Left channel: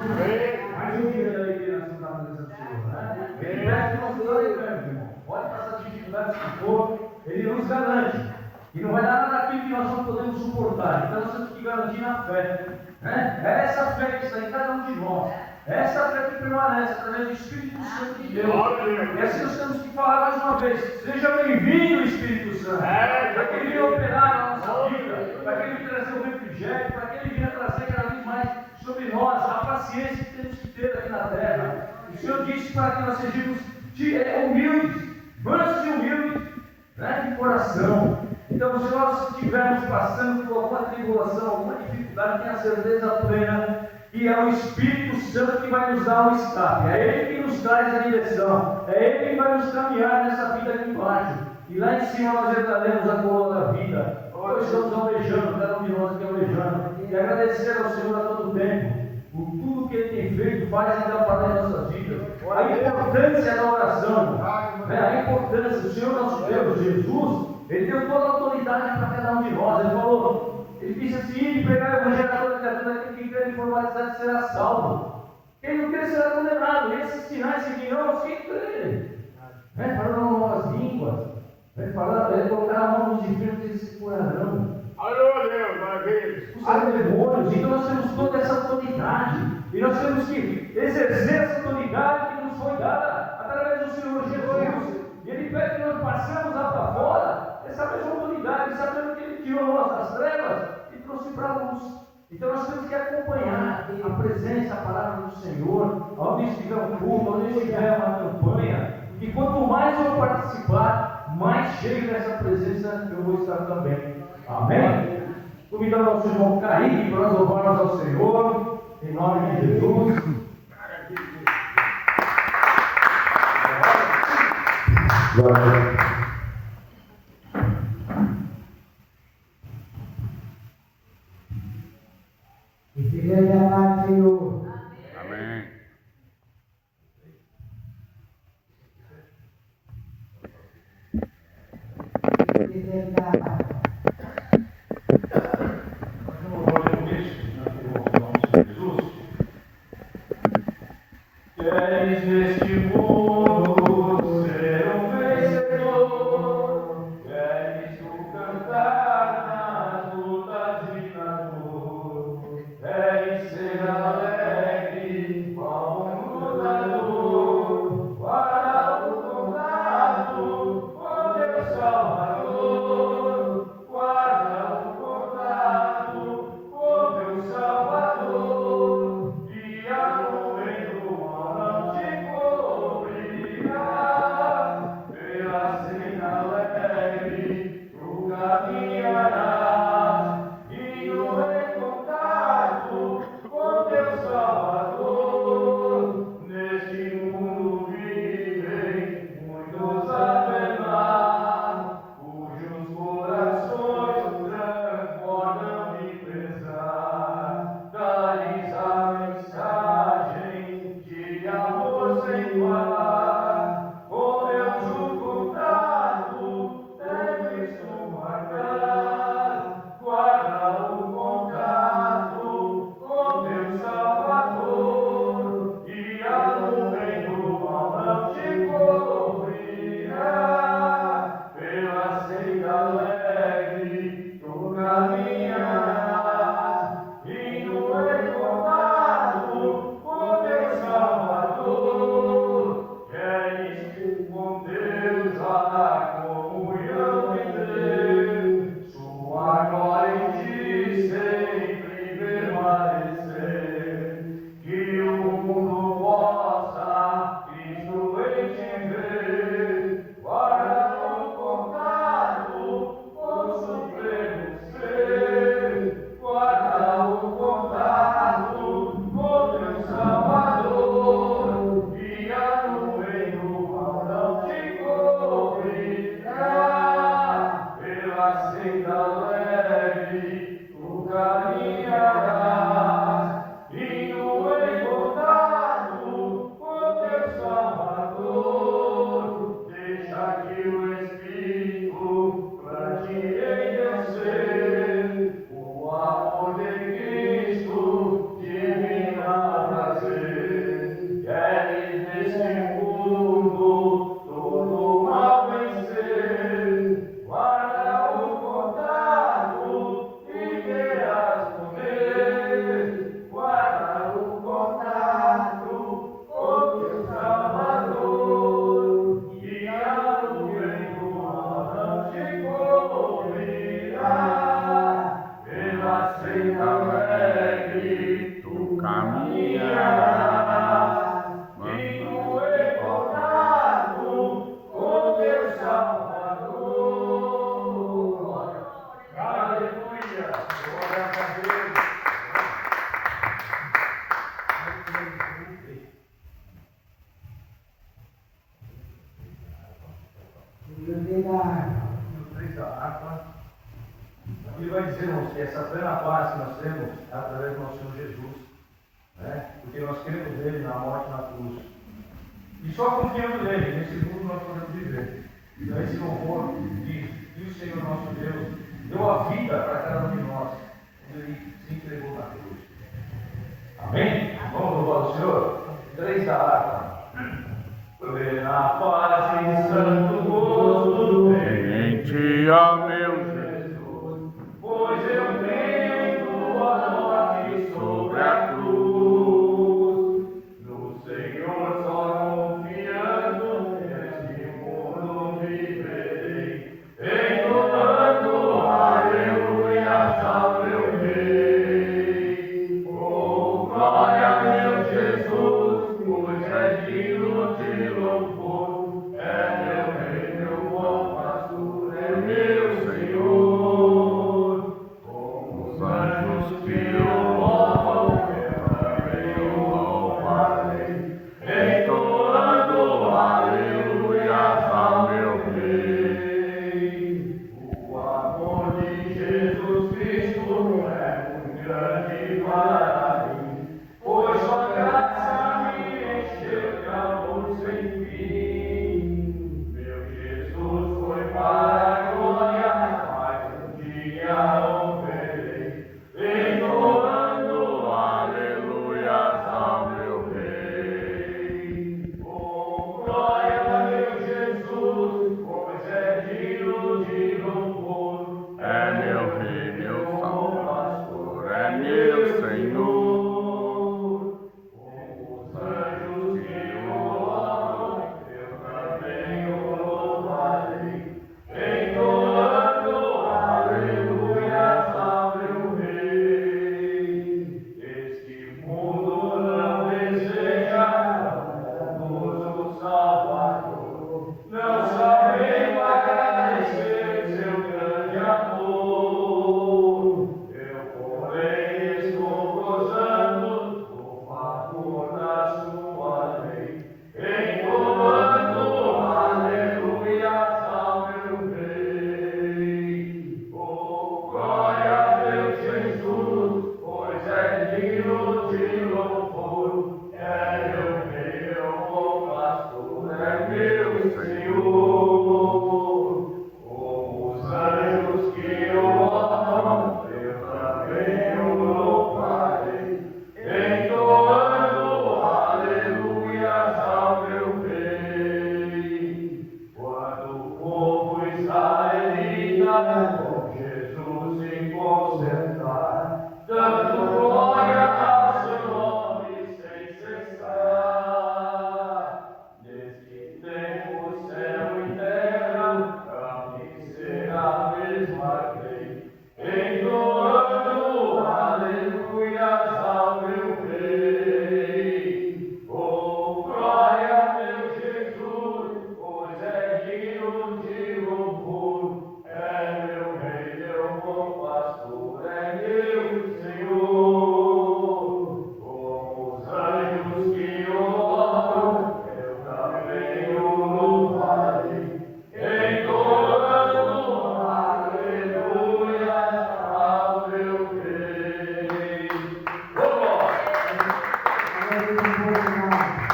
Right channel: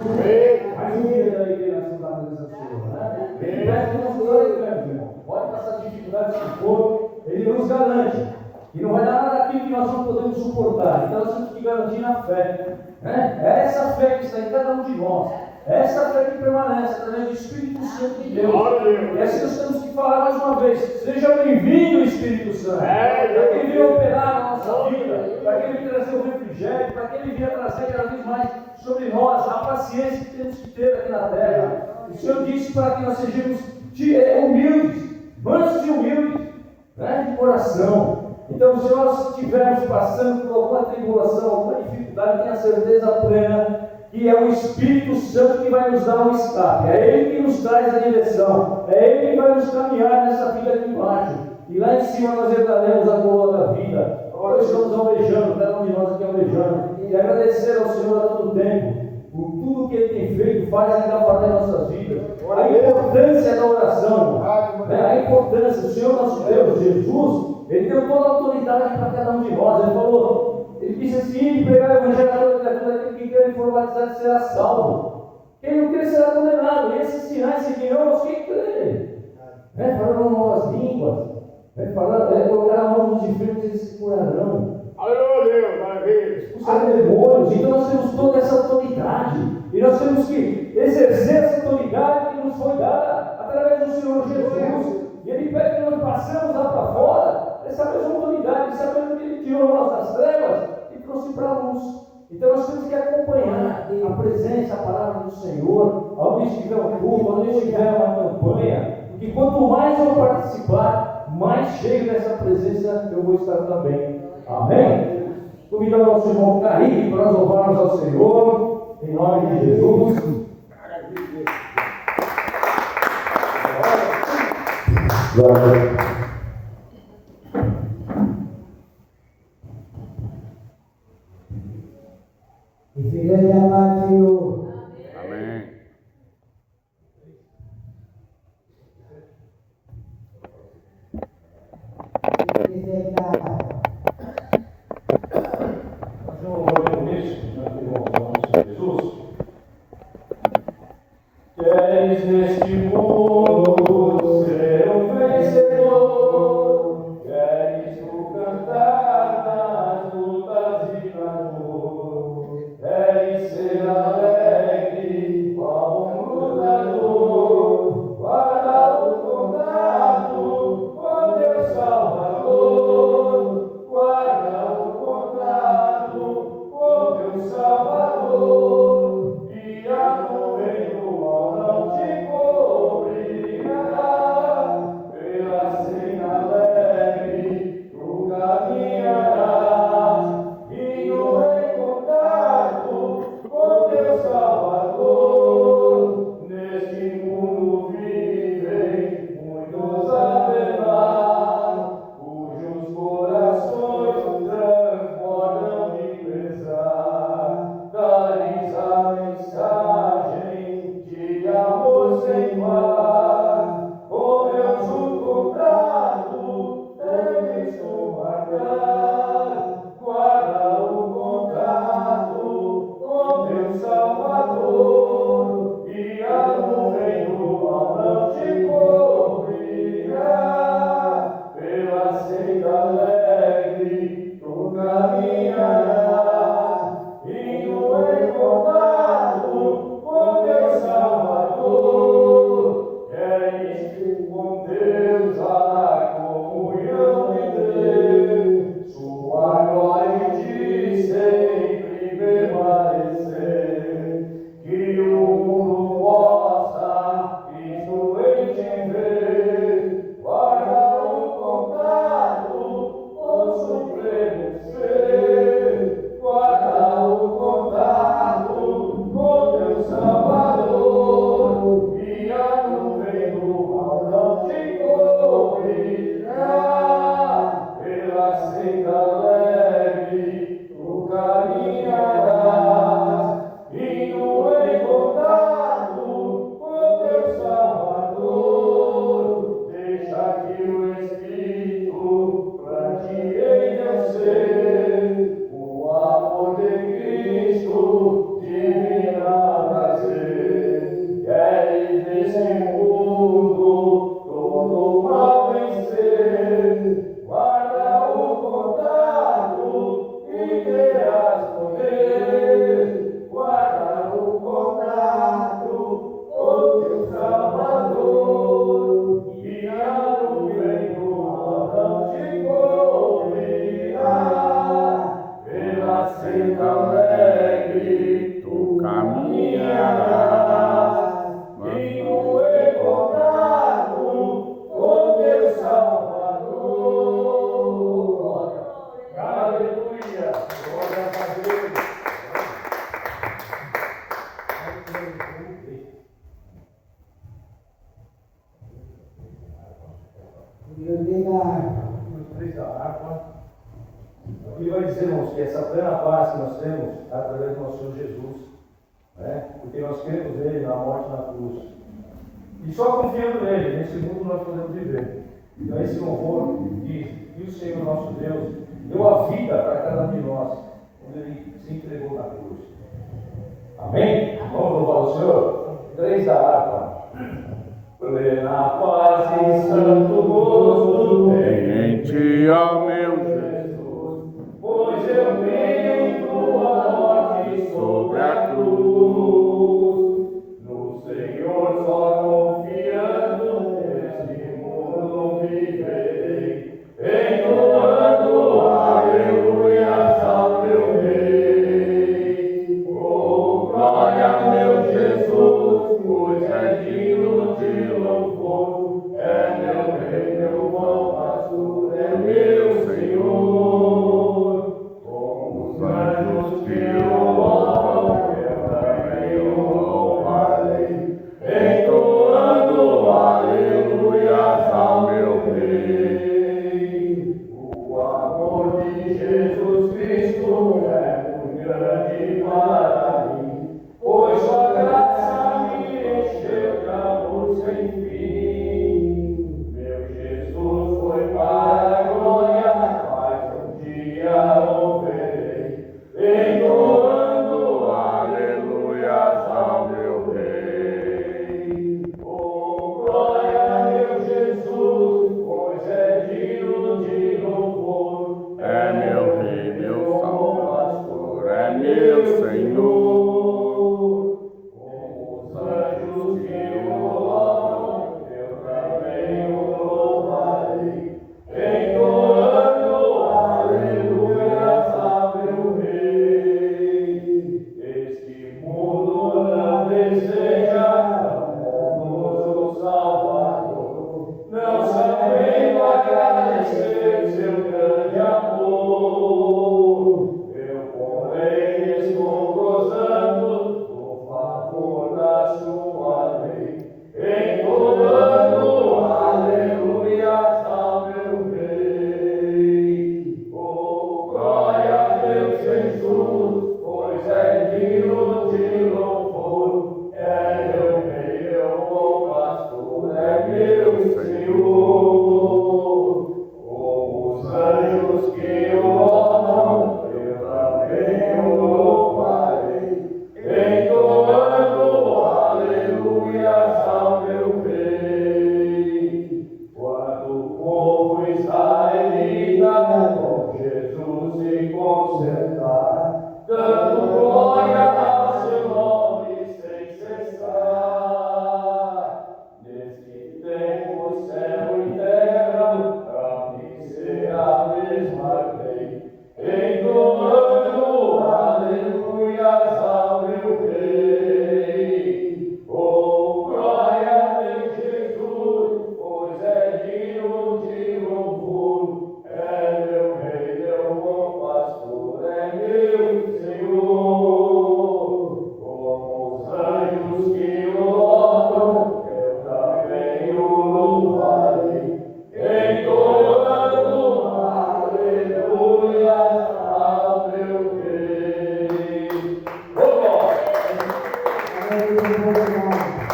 Mais um dia da igreja na presença do Senhor, né? Ele pede que nós glorificamos, irmão. Pode passar dificuldades que for, ele nos garante. E não vai dar nada aqui que nós não podemos suportar. Então nós temos que garantir na fé. Né? É essa fé que está em cada um de nós. É essa fé que permanece através do Espírito Santo de Deus. E assim nós temos que falar mais uma vez: seja bem-vindo, Espírito Santo. Para que ele venha operar na nossa vida, para que ele venha trazer o refrigério, para que ele venha trazer cada vez mais sobre nós a paciência que temos que ter aqui na terra. O Senhor disse para que nós sejamos humildes, mansos e humildes, né, de coração. Então, se nós estivermos passando por alguma tribulação, alguma dificuldade, tenha certeza plena que é o Espírito Santo que vai nos dar um escape. É Ele que nos traz a direção. É Ele que vai nos caminhar nessa vida aqui embaixo. E lá em cima nós entraremos a coroa da vida. Nós estamos almejando, cada um de nós aqui almejando. E agradecer ao Senhor a todo tempo por tudo que Ele tem feito, faz e ainda fará em nossas vidas. A importância da oração, né? A importância do Senhor nosso Deus, Jesus, Ele deu toda a autoridade para cada um de nós. Ele falou, Ele disse assim: pregar o evangelho a toda criatura, que crer e for batizado será salvo. Quem não crer será condenado. E esses sinais seguirão os que crerem. Falando novas línguas, colocar a mão nos enfermos e eles se curarão. Expulsar demônios. Então nós temos toda essa autoridade. E nós temos que exercer essa autoridade que nos foi dada através do Senhor Jesus. E Ele pede que nós passemos lá para fora essa mesma autoridade, sabendo que Ele tirou nós das trevas e trouxe para a luz. Então nós temos que acompanhar a presença, a palavra do Senhor, onde estiver um culto, onde estiver uma campanha. E quanto mais eu participar, mais cheio dessa presença eu vou estar também. Amém? Convidando ao nosso irmão Kaique para nós louvarmos ao Senhor, em nome de Jesus. Glória a Deus. Igreja amada Senhor. Amém. Queres neste mundo ser um vencedor, queres tu cantar nas lutas e na dor, queres ser alegre como um lutador, guarda o contato com teu Salvador, guarda o contato com teu Salvador, e a nuvem do não te cobrirá, pela senda alegre tu caminharás, indo em contato com teu Salvador. Neste mundo vivem muitos a penar, cujos corações transbordam de pesar. Dá-lhes a mensagem de amor sem par, com Deus o contrato deves tu marcar, guarda o contato com teu Salvador. No 3 da harpa. Aqui vai dizer, irmãos, que essa plena paz que nós temos é através do nosso Senhor Jesus, né? Porque nós cremos nele na morte e na cruz. E só confiando nele, nesse mundo nós podemos viver. Então esse louvor diz que o Senhor nosso Deus deu a vida para cada um de nós, quando ele se entregou na cruz. Amém? Vamos louvar o Senhor? 3 da harpa. Plena paz e santo gozo Em ti, ó meu Jesus, pois eu creio em tua morte sobre a cruz. No Senhor só confiando, neste mundo viverei, entoando aleluias ao meu Rei. Oh, glória, meu Jesus, pois é digno de louvor, é meu Rei, meu bom pastor, é meu Senhor. Com os anjos que o louvam, eu também o louvarei, entoando aleluias ao meu Rei. O amor de Jesus Cristo é muito grande para mim, pois sua graça me encheu de amor sem fim. Meu Jesus foi para a glória, mas um dia o verei, entoando aleluias ao meu Rei. Oh, glória, meu Jesus, pois é digno de louvor, É meu Rei, meu bom Salvador, é meu Senhor. Com os anjos que o louvam, eu também o louvarei, entoando aleluias ao meu Rei. Este mundo não deseja um bondoso Salvador, não sabendo agradecer seu grande amor. Eu, porém, estou gozando do favor da sua lei, entoando aleluias ao meu Rei. Oh, glória, meu Jesus, pois é digno de louvor, é meu Rei, meu bom pastor, é meu Senhor. Como os anjos que o louvam, eu também o louvarei, entoando aleluias ao meu Rei. Quando o povo israelita com Jesus se concertar, dando glória ao seu nome sem cessar. Neste tempo, céu e terra hão de ser a mesma lei, entoando aleluias ao meu Rei. Oh, glória, meu Jesus, pois é digno de louvor, é meu Rei, meu bom pastor, é meu Senhor. Como os anjos que o louvam, eu também o louvarei, entoando aleluias ao meu Rei. Vamos!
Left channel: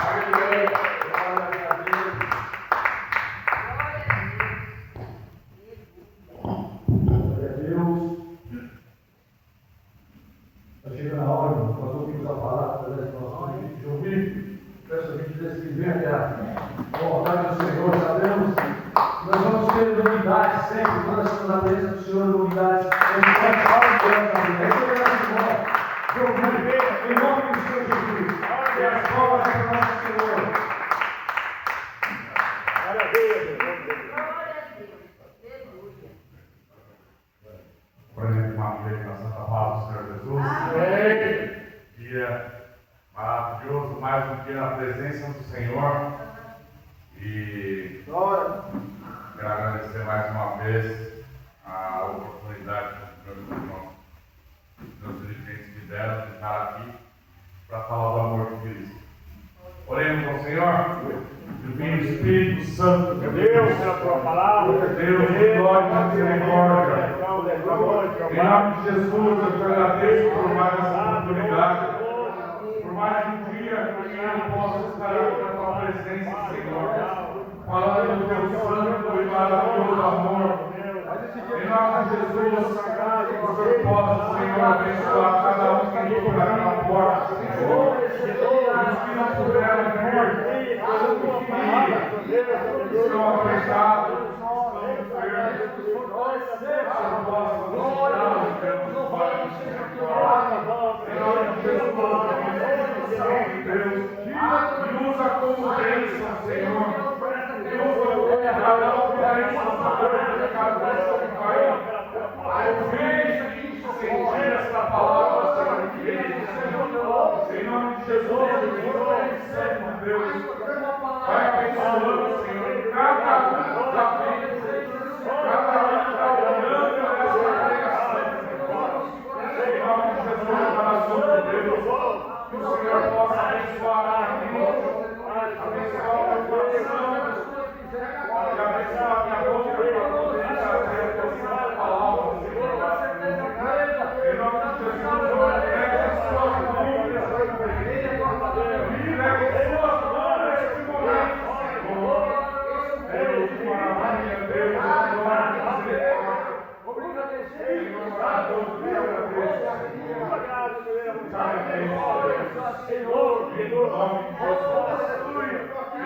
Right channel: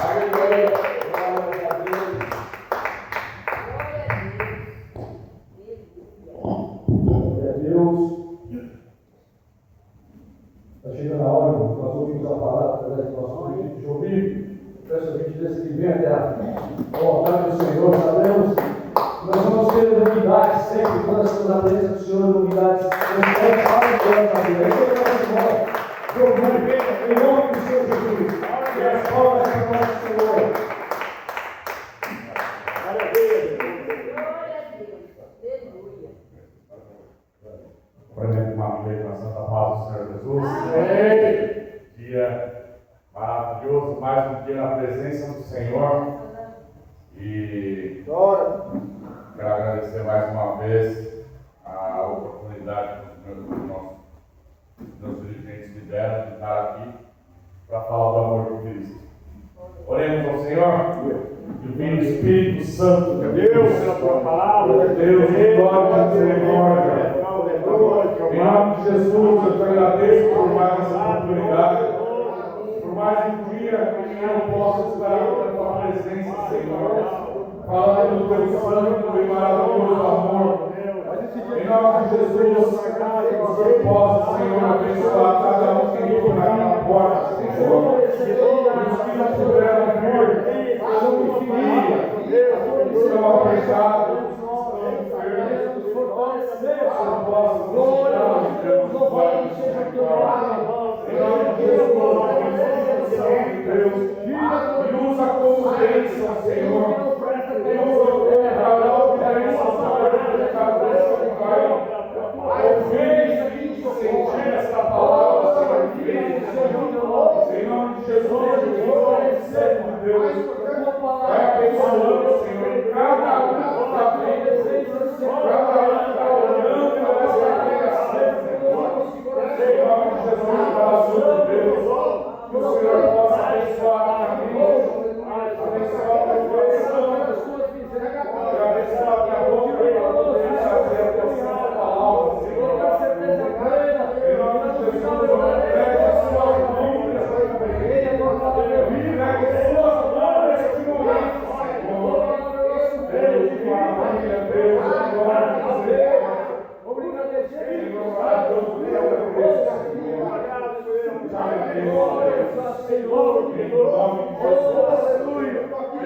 Aleluia! Glória a Deus! Glória a Deus! Está chegando a hora, nós ouvimos a palavra, nós ouvimos de ouvir. Peço a gentileza que venha até a vontade do Senhor, sabemos que nós vamos ter novidades sempre, quando nós estamos na presença do Senhor, novidades sempre. Fala de Deus na vida, aí eu quero de ouvir, em nome do Senhor Jesus, e as palmas do nosso Senhor. Cumprimento uma vez na Santa Paz do Senhor Jesus. Amém. Dia maravilhoso, mais um dia na presença do Senhor. E quero agradecer mais uma vez a oportunidade que os meus dirigentes me deram de estar aqui para falar do amor de Cristo. Oremos ao Senhor. Divino Espírito Santo de Deus, a tua palavra, Deus de glória e misericórdia. Em nome de Jesus, eu te agradeço por mais essa oportunidade, por mais um dia que eu possa estar aqui na tua presença, Senhor, falando do teu santo e maravilhoso amor. Em nome de Jesus, que o Senhor possa, Senhor, abençoar cada um que entra aqui na porta, Senhor. Os que não puderam vir, que estão apertados, que estão enfermos, que possam nos Deus, Pai, em nome de Jesus, Espírito Santo de Deus, me usa como bênção, Senhor. Me usa como canal de bênção para cada pessoa que vai ouvir e sentir esta palavra, Senhor. Em nome de Jesus, Senhor Deus, vai abençoando, Senhor, cada um que está vendo, cada um que está olhando nessa pregação, Senhor. Em nome de Jesus, coração de Deus, que o Senhor possa abençoar a minha mente, abençoar o meu coração, e abençoar a minha boca para poder trazer a tua santa palavra, Senhor. Em nome de Jesus, eu entrego a sua mão nesta noite. Eu me entrego a sua mão neste momento, Senhor. Deus, maravilha, Deus, glória, misericórdia. Senhor, maravilhoso, te agradeço, Senhor. Te agradeço, Senhor.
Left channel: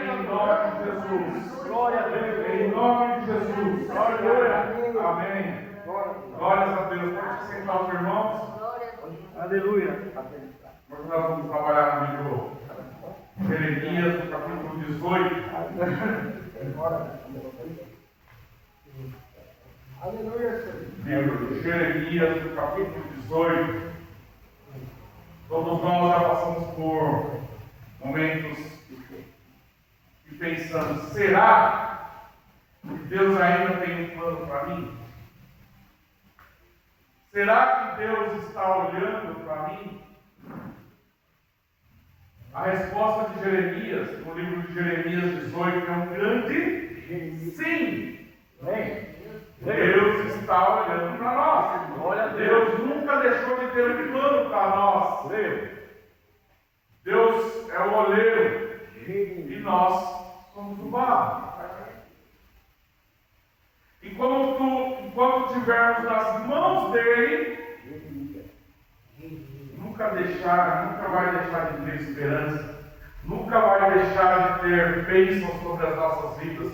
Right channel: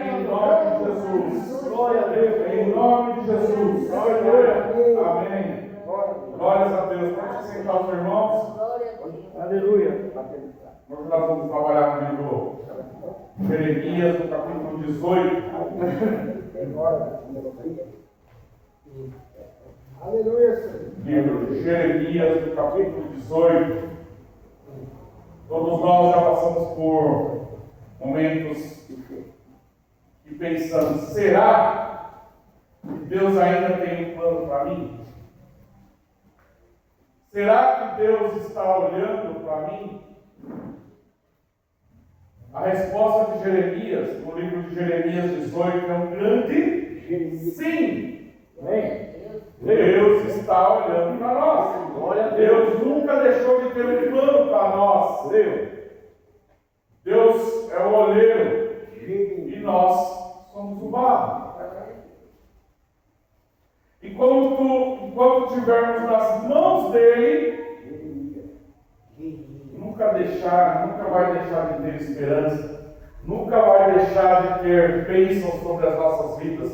Em nome de Jesus. Glória a Deus. Em nome de Jesus. Amém. Glórias a Deus. Pode sentar os irmãos. Aleluia. Hoje nós vamos trabalhar no livro de Jeremias, no capítulo 18. Livro de Jeremias, no capítulo 18. Todos nós já passamos por momentos e pensando, será que Deus ainda tem um plano para mim? Será que Deus está olhando para mim? A resposta de Jeremias, no livro de Jeremias 18, é um grande sim. Deus está olhando para nós. Deus nunca deixou de ter um plano para nós. Deus é o oleiro e nós somos o barro. Enquanto estivermos nas mãos dele, nunca vai deixar de ter esperança, nunca vai deixar de ter bênção sobre as nossas vidas,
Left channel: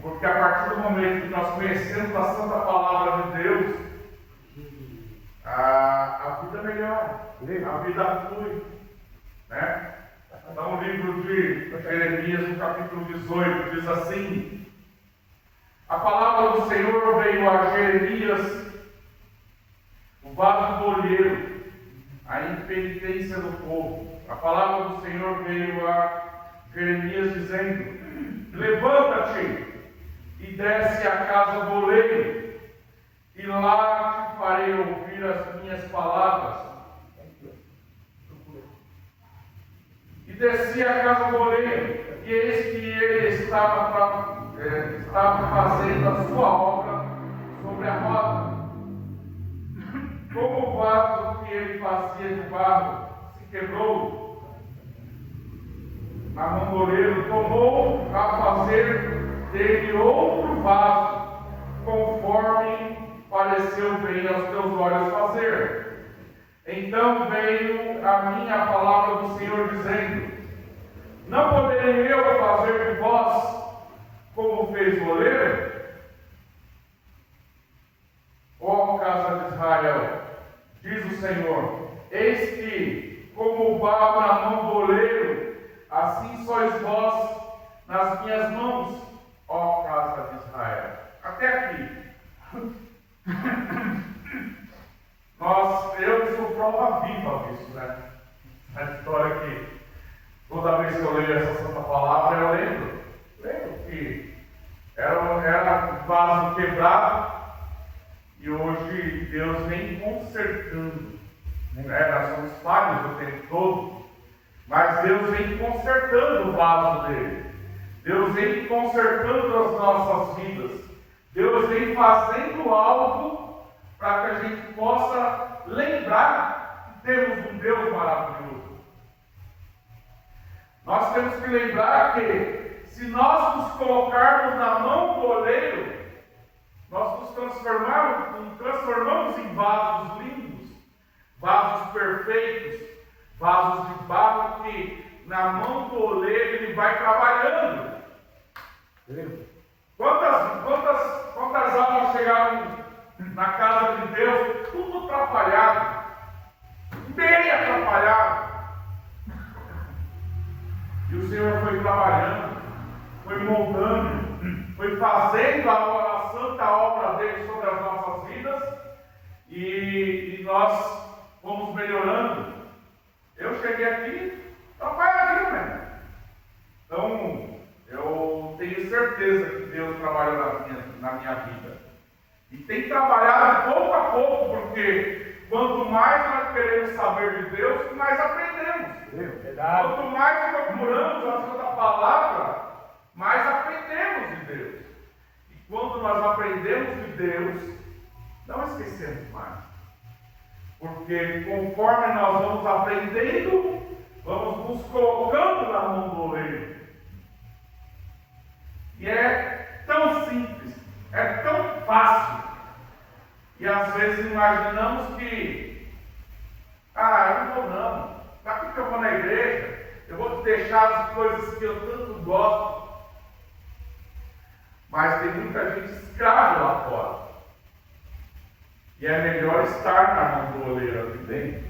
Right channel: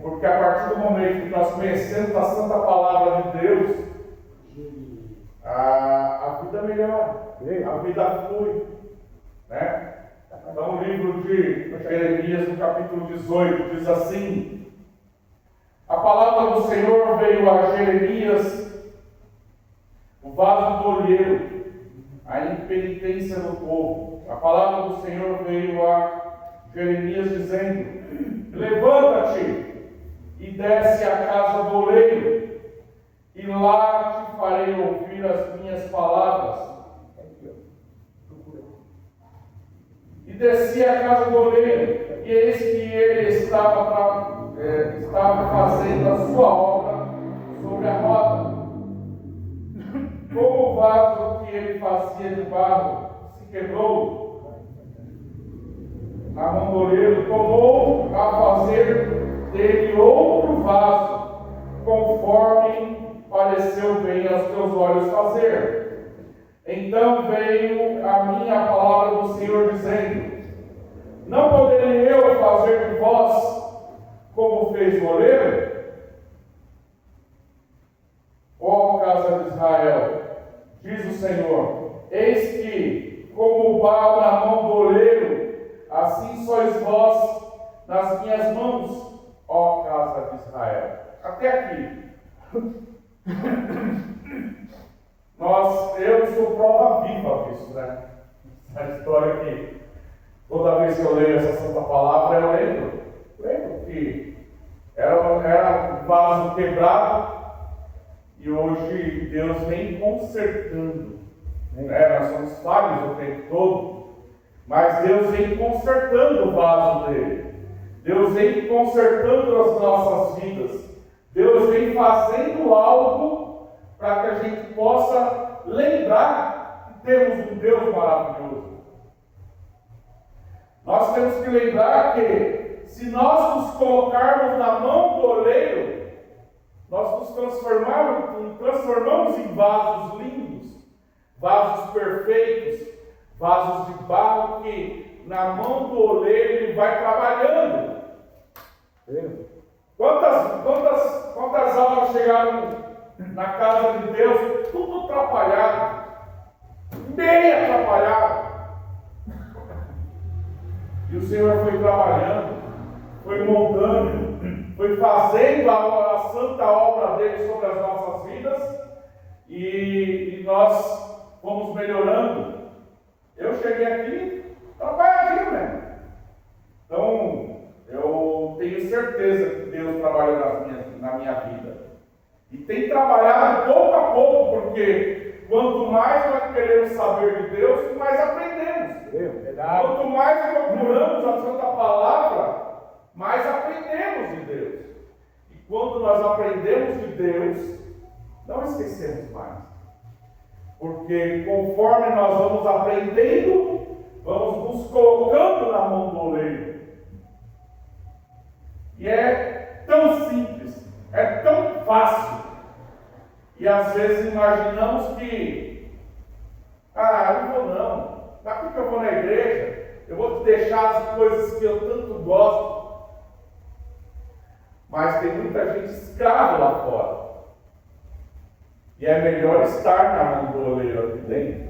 porque a partir do momento que nós conhecemos a santa palavra de Deus, a vida melhora, a vida flui, né? Então, o livro de Jeremias, no capítulo 18, diz assim: a palavra do Senhor veio a Jeremias, o vaso do olheiro, a impenitência do povo. A palavra do Senhor veio a Jeremias dizendo: levanta-te e desce à casa do oleiro, e lá te farei ouvir as minhas palavras. E desci à casa do oleiro, e eis que ele estava fazendo a sua obra sobre a roda. Como o vaso que ele fazia de barro se quebrou, a mão do oleiro tomou a fazer dele outro vaso, conforme pareceu bem aos teus olhos fazer. Então veio a mim a palavra do Senhor dizendo: não poderei eu fazer de vós como fez o oleiro? Ó casa de Israel, diz o Senhor: eis que, como o barro na mão do oleiro, assim sois vós nas minhas mãos, ó casa de Israel. Até aqui. Eu sou prova viva disso, né? A história que toda vez que eu leio essa santa palavra, eu lembro que era um vaso quebrado e hoje Deus vem consertando, né? Nós somos falhos o tempo todo, Mas Deus vem consertando o vaso dele. Deus vem consertando as nossas vidas. Deus vem fazendo algo para que a gente possa lembrar que temos um Deus maravilhoso. Nós temos que lembrar que se nós nos colocarmos na mão do oleiro, nós nos transformamos em vasos lindos, vasos perfeitos, vasos de barro que na mão do oleiro ele vai trabalhando. Quantas almas chegaram na casa de Deus, tudo atrapalhado, bem atrapalhado. E o Senhor foi trabalhando, foi moldando, foi fazendo a santa obra dele sobre as nossas vidas, e nós fomos melhorando. Eu cheguei aqui atrapalhadinho mesmo. Então, eu tenho certeza que Deus trabalhou na minha vida. E tem trabalhado pouco a pouco, porque quanto mais nós queremos saber de Deus, mais aprendemos. Quanto mais procuramos a Santa Palavra, mais aprendemos de Deus. E quando nós aprendemos de Deus, não esquecemos mais. Porque conforme nós vamos aprendendo, vamos nos colocando na mão do oleiro. E é tão simples, é tão fácil. E às vezes imaginamos que, eu não vou não. Para que eu vou na igreja? Eu vou deixar as coisas que eu tanto gosto. Mas tem muita gente escrava lá fora. E é melhor estar na mão do oleiro aqui dentro.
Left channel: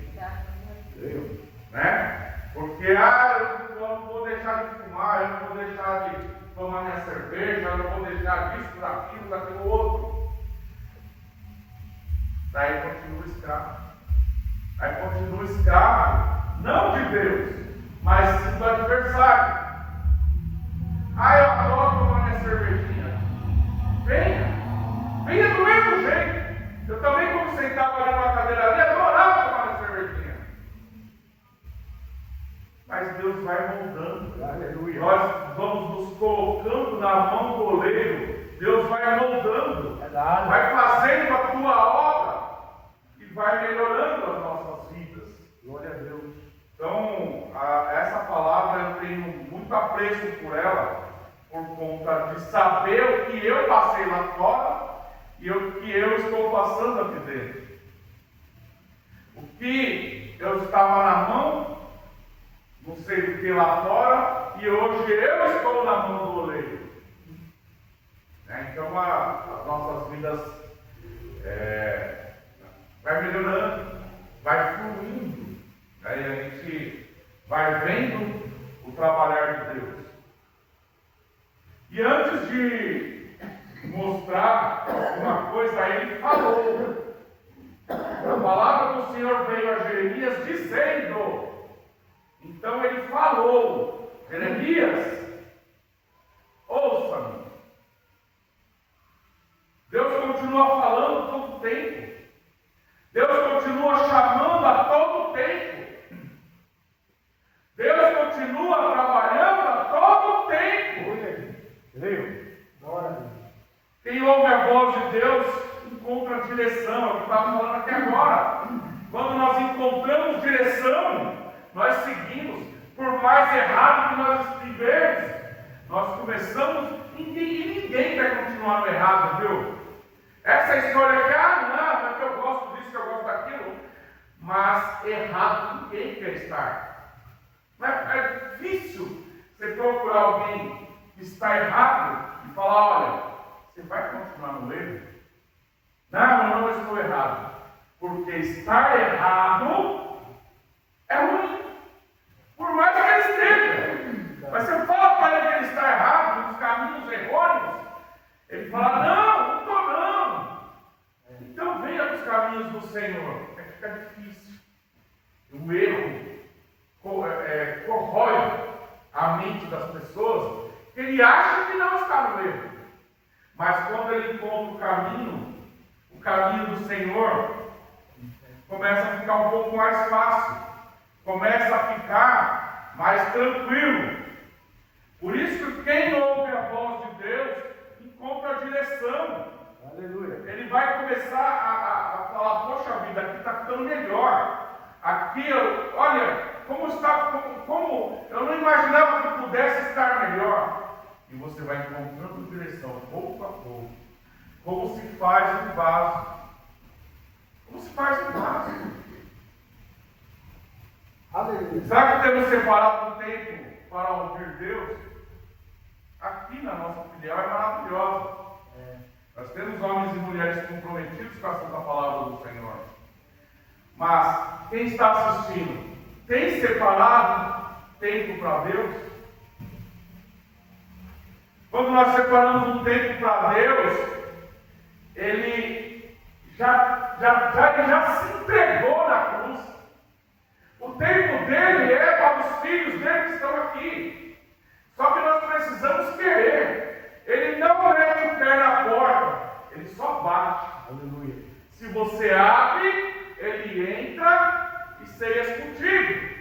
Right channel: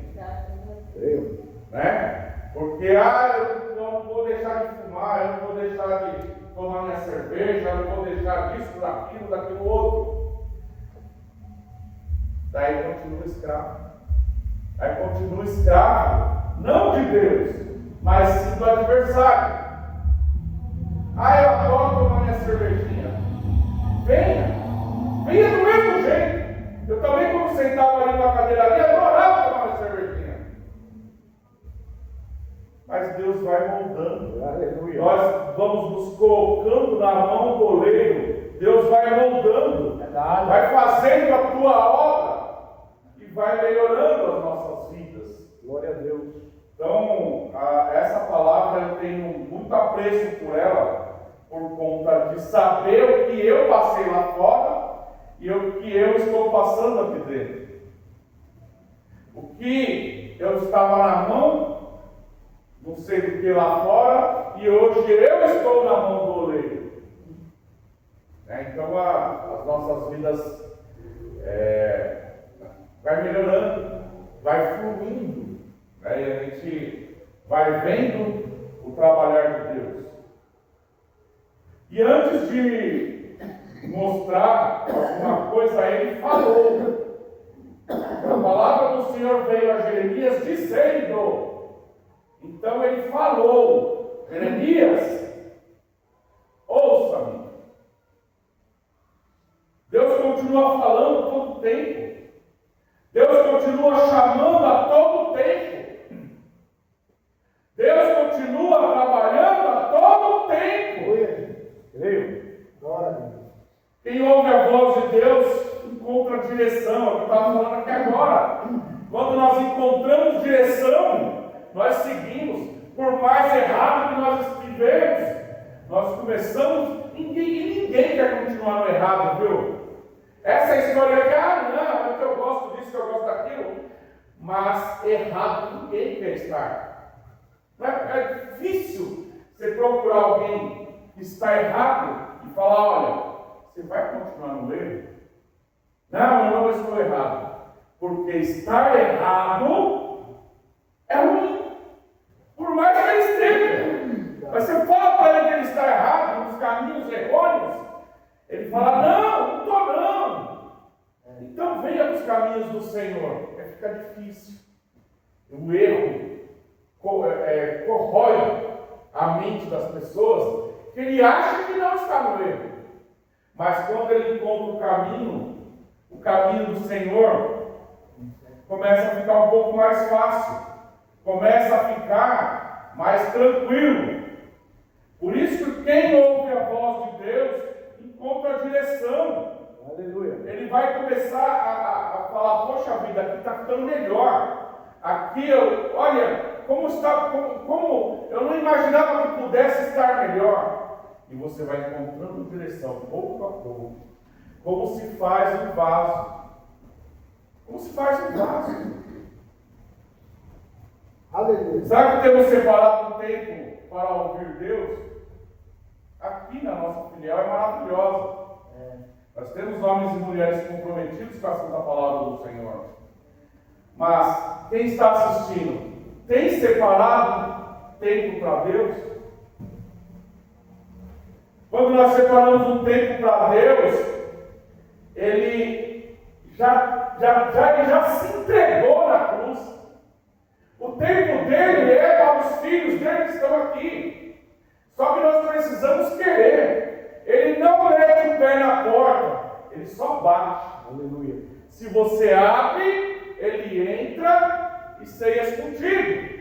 Né? Porque, eu não vou deixar de fumar, eu não vou deixar de tomar minha cerveja, eu não vou deixar disso, daquilo outro. Daí continua escravo. Aí continua escravo, não de Deus, mas sim do adversário. Eu adoro tomar minha cervejinha. Venha do mesmo jeito. Eu também, quando sentava ali numa cadeira ali, adorava tomar minha cervejinha. Mas Deus vai moldando. Aleluia. Nós vamos nos colocando na mão do oleiro. Deus vai moldando, vai fazendo a tua obra e vai melhorando as nossas vidas. Glória a Deus. Então, essa palavra eu tenho muito apreço por ela, por conta de saber o que eu passei lá fora e o que eu estou passando aqui dentro. O que eu estava na mão, não sei do que lá fora, e hoje eu estou na mão do oleiro. Então as nossas vidas vai melhorando, vai fluindo, e a gente vai vendo o trabalhar de Deus. E antes de mostrar alguma coisa, ele falou. A palavra do Senhor veio a Jeremias dizendo. Então ele falou: Jeremias, ouça-me. Deus continua falando todo o tempo. Deus continua chamando a todo o tempo. Deus continua trabalhando a todo o tempo. Quem ouve a voz de Deus encontra direção. É o que eu estava falando aqui agora. Quando nós encontramos direção, nós seguimos. Por mais errado que nós estivermos, nós começamos e ninguém quer continuar no errado, viu? Essa história é não, é que eu gosto disso, que eu gosto daquilo. Mas errado ninguém quer estar. É difícil você procurar alguém que está errado e falar: olha, você vai continuar no erro? Não, eu não estou errado. Porque estar errado é ruim. Por mais que ele esteja. Mas você fala para ele que ele está errado, nos caminhos errôneos, ele fala: não estou não. Então venha dos caminhos do Senhor. Fica difícil. O erro corrói a mente das pessoas, que ele acha que não está no erro. Mas quando ele encontra o caminho do Senhor, começa a ficar um pouco mais fácil. Começa a ficar mais tranquilo. Por isso que quem ouve a voz de Deus encontra a direção. Aleluia. Ele vai começar a falar, poxa vida, aqui está ficando melhor. Aqui, olha, como está, como eu não imaginava que pudesse estar melhor. E você vai encontrando direção, pouco a pouco. Como se faz um vaso. Como se faz um vaso. Aleluia. Será que temos separado um tempo para ouvir Deus? Aqui na nossa filial é maravilhosa. Nós temos homens e mulheres comprometidos com a santa palavra do Senhor. Mas quem está assistindo, tem separado tempo para Deus? Quando nós separamos um tempo para Deus, ele já se entregou na cruz. O tempo dele é para os filhos dele que estão aqui. Só que nós precisamos querer. Ele não mete o pé na porta, ele só bate. Aleluia. Se você abre, ele entra e ceia contigo.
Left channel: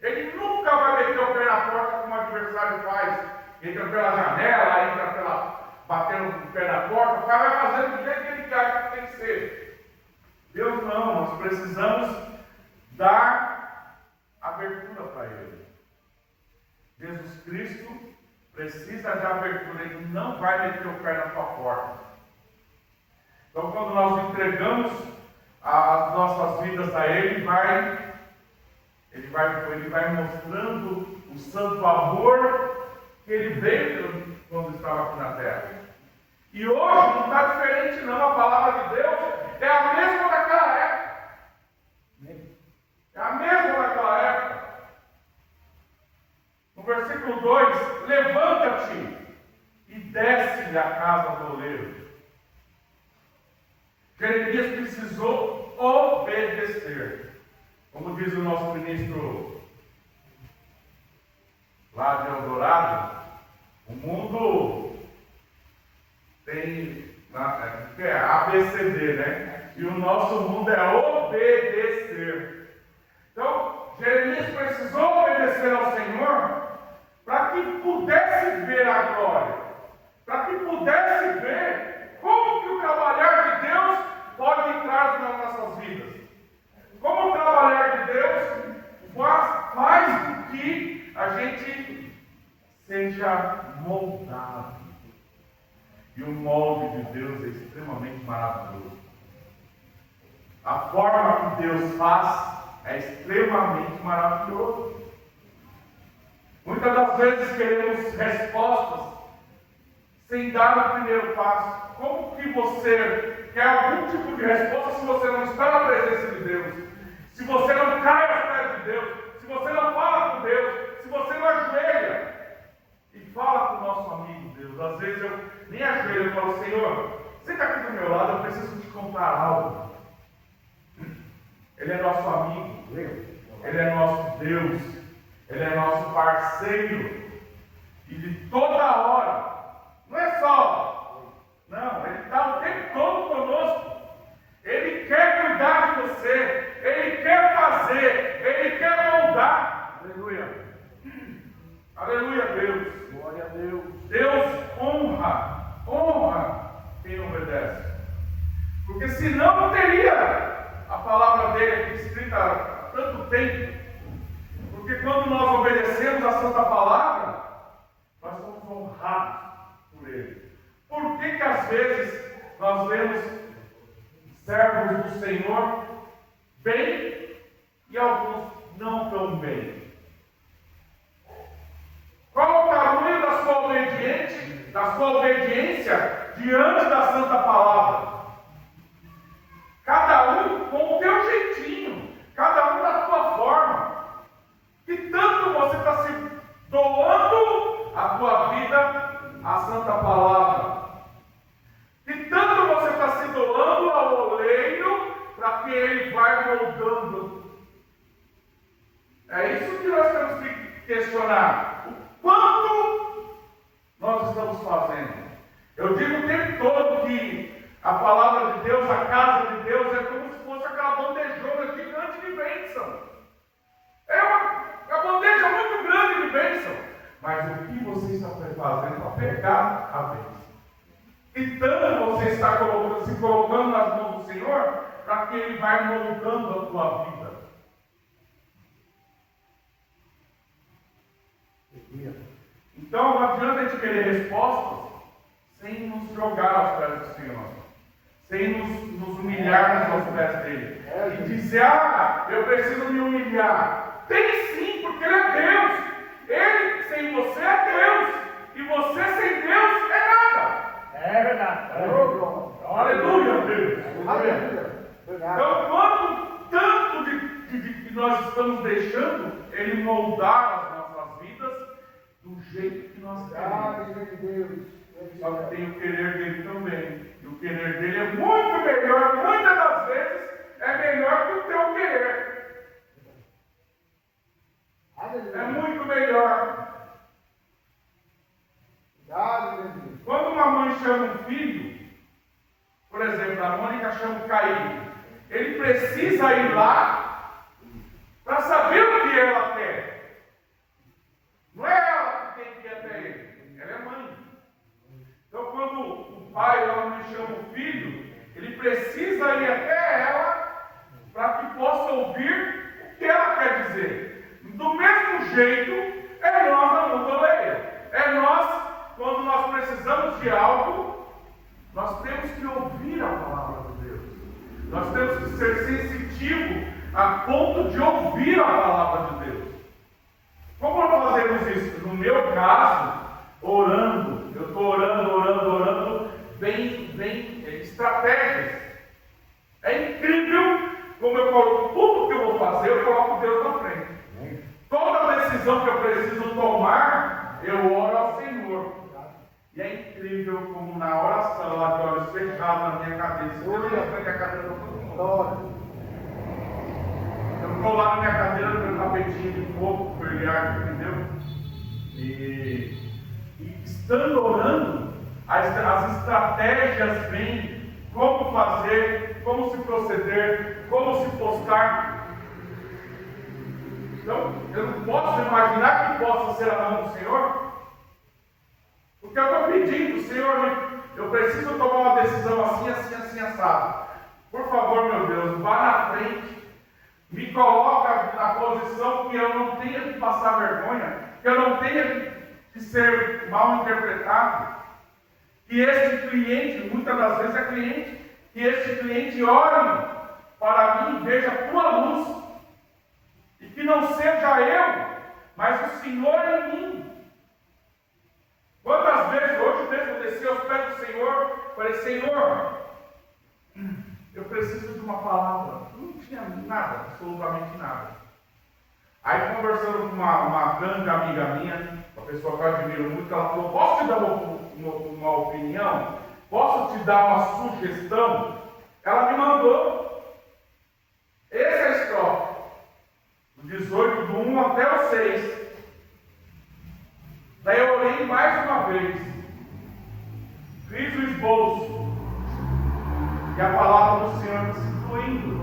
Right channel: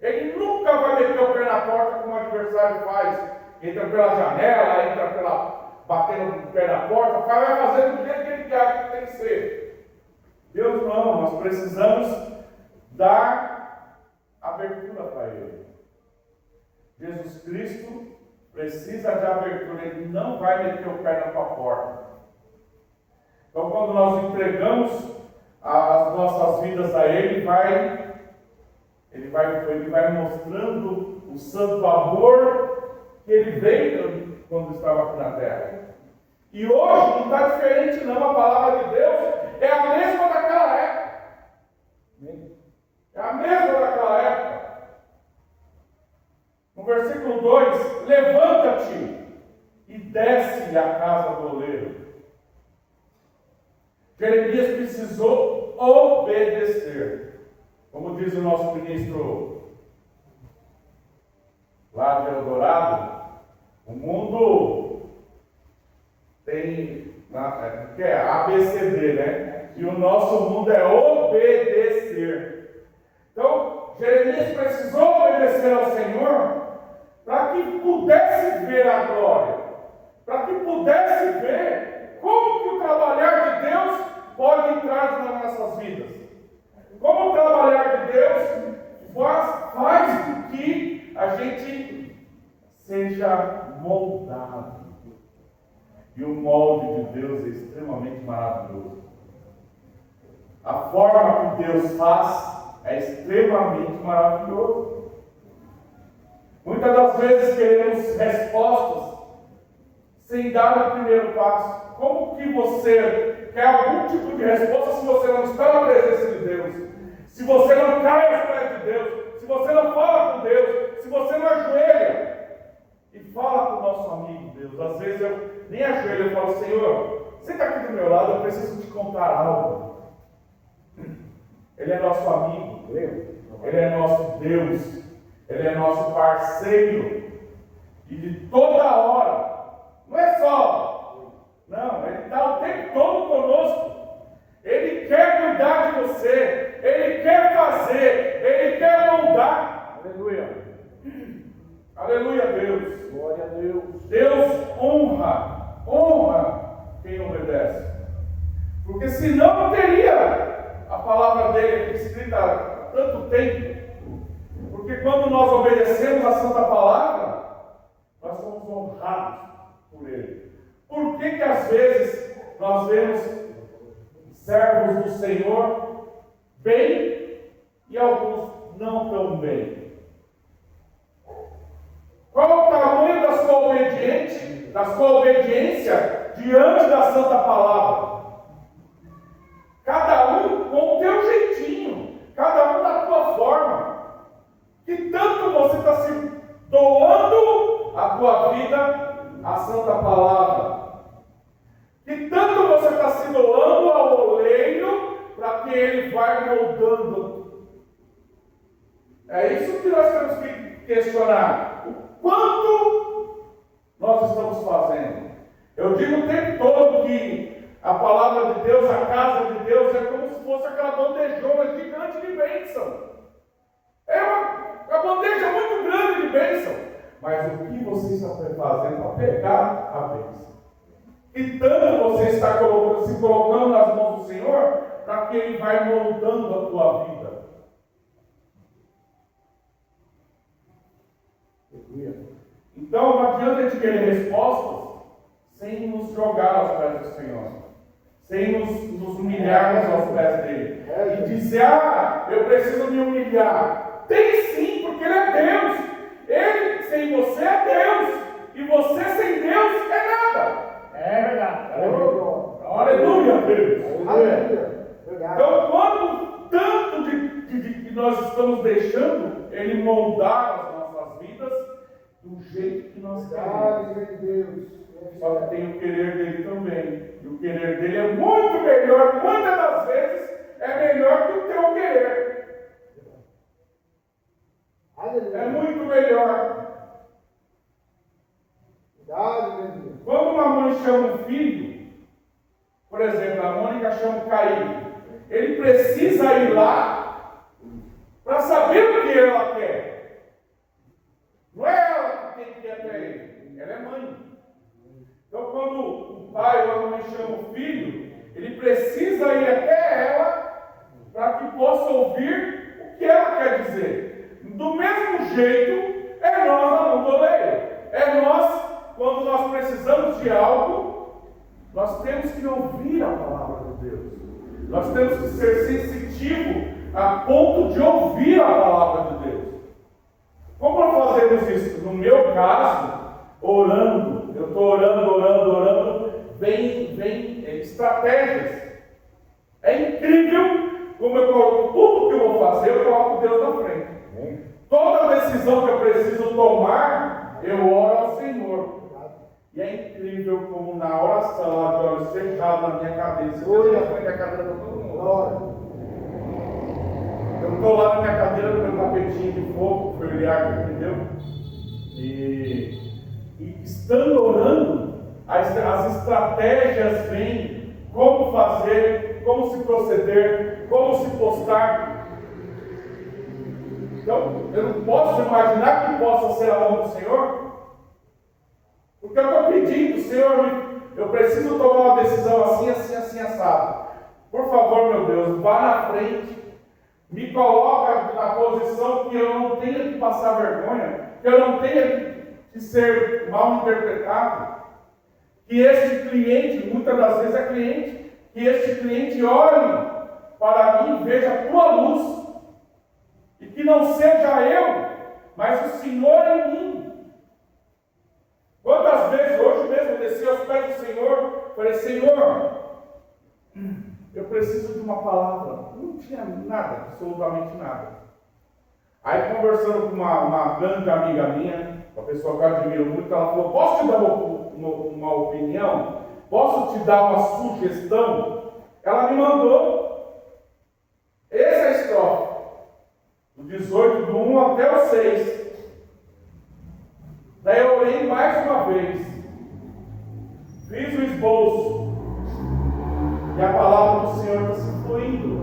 Ele nunca vai meter o pé na porta como o adversário faz. Entra pela janela, batendo o pé na porta, o cara vai fazendo do jeito que ele quer que tem que ser. Deus não, nós precisamos dar abertura para ele. Jesus Cristo precisa de abertura, ele não vai meter o pé na tua porta. Então, quando nós entregamos as nossas vidas a ele, ele vai mostrando o santo amor que ele veio quando estava aqui na terra. E hoje não está diferente não, a palavra de Deus é a mesma daquela época. É a mesma daquela época. No versículo 2, levanta-te e desce-lhe a casa do oleiro. Jeremias precisou obedecer. Como diz o nosso ministro lá de Eldorado, o mundo tem que é ABCD, né? E o nosso mundo é obedecer. Então, Jeremias precisou obedecer ao Senhor para que pudesse ver a glória, para que pudesse ver como que o trabalhar de Deus pode entrar nas nossas vidas. Como o trabalhar de Deus faz com que a gente seja moldado. E o molde de Deus é extremamente maravilhoso. A forma que Deus faz é extremamente maravilhoso. Muitas das vezes queremos respostas sem dar o primeiro passo. Como que você quer algum tipo de resposta se você não está na presença de Deus? Se você não cai aos pés de Deus? Se você não fala com Deus? Se você não ajoelha e fala com o nosso amigo Deus? Às vezes eu nem ajoelho e falo, Senhor, você está aqui do meu lado, eu preciso te contar algo. Ele é nosso amigo, Ele é nosso Deus, Ele é nosso parceiro, e de toda hora, não é só, não, Ele está o tempo todo conosco, Ele quer cuidar de você, Ele quer fazer, Ele quer moldar. Aleluia, aleluia, Deus, glória a Deus. Deus honra quem obedece, porque senão não teria a palavra dele aqui escrita há tanto tempo. Porque quando nós obedecemos a santa palavra, nós somos honrados por ele. Por que às vezes nós vemos servos do Senhor bem e alguns não tão bem? Qual o tamanho da sua obediência diante da santa palavra? Cada um com o teu jeitinho, cada um da tua forma. Que tanto você está se doando a tua vida à santa palavra. Que tanto você está se doando ao oleiro para que ele vá moldando. É isso que nós temos que questionar. O quanto nós estamos fazendo. Eu digo o tempo todo que a palavra de Deus, a casa de Deus, é como se fosse aquela bandejona gigante de bênção. A bandeja é muito grande de bênção. Mas o que você está fazendo para pegar a bênção? E tanto você está se colocando nas mãos do Senhor, para que Ele vai moldando a tua vida. Então não adianta a gente querer respostas sem nos jogar aos pés do Senhor, sem nos humilhar aos pés dele. E dizer, eu preciso me humilhar. Tem sim, porque Ele é Deus. Ele sem você é Deus. E você sem Deus é nada. É verdade. Aleluia, Deus. Aleluia. Então, quando tanto que nós estamos deixando Ele moldar as nossas vidas do jeito que nós queremos. Só que tem o querer dele também. E o querer dele é muito melhor, muitas das vezes é melhor que o teu querer. É muito melhor. Quando uma mãe chama um filho, por exemplo, a Mônica chama o Caí, ele precisa ir lá para saber o que ela quer. Não é ela que tem que ir até ele, ela é mãe. Então, quando o pai ou a mãe chama o filho, ele precisa ir até ela para que possa ouvir o que ela quer dizer. Do mesmo jeito, é nós na mão do oleiro. É nós, quando nós precisamos de algo, nós temos que ouvir a palavra de Deus. Nós temos que ser sensitivos a ponto de ouvir a palavra de Deus. Como nós fazemos isso? No meu caso, orando, eu estou orando, vem estratégias. É incrível como eu coloco tudo que eu vou fazer, eu coloco Deus na frente. Toda decisão que eu preciso tomar, eu oro ao Senhor. E é incrível como na oração, lá de olhos fechados na minha cadeira, se eu na frente da cadeira de todo mundo. Eu estou lá na minha cadeira, no meu tapetinho de fogo, familiar, entendeu? E estando orando, as estratégias vêm, como fazer, como se proceder, como se postar. Então, eu não posso imaginar que possa ser a mão do Senhor, porque eu estou pedindo, Senhor, eu preciso tomar uma decisão assim, assado. Por favor, meu Deus, vá na frente, me coloca na posição que eu não tenha que passar vergonha, que eu não tenha que ser mal interpretado, que este cliente, muitas das vezes é cliente, que este cliente olhe para mim e veja a tua luz, e que não seja eu, mas o Senhor em mim. Quantas vezes, hoje mesmo, eu desci aos pés do Senhor, falei, Senhor, eu preciso de uma palavra. Não tinha nada, absolutamente nada. Aí, conversando com uma grande amiga minha, uma pessoa que eu admiro muito, ela falou, posso te dar uma opinião? Posso te dar uma sugestão? Ela me mandou. Essa é a estrofe. Do 18, do 1 até o 6. Daí eu orei mais uma vez. Fiz o esboço. E a palavra do Senhor está se fluindo.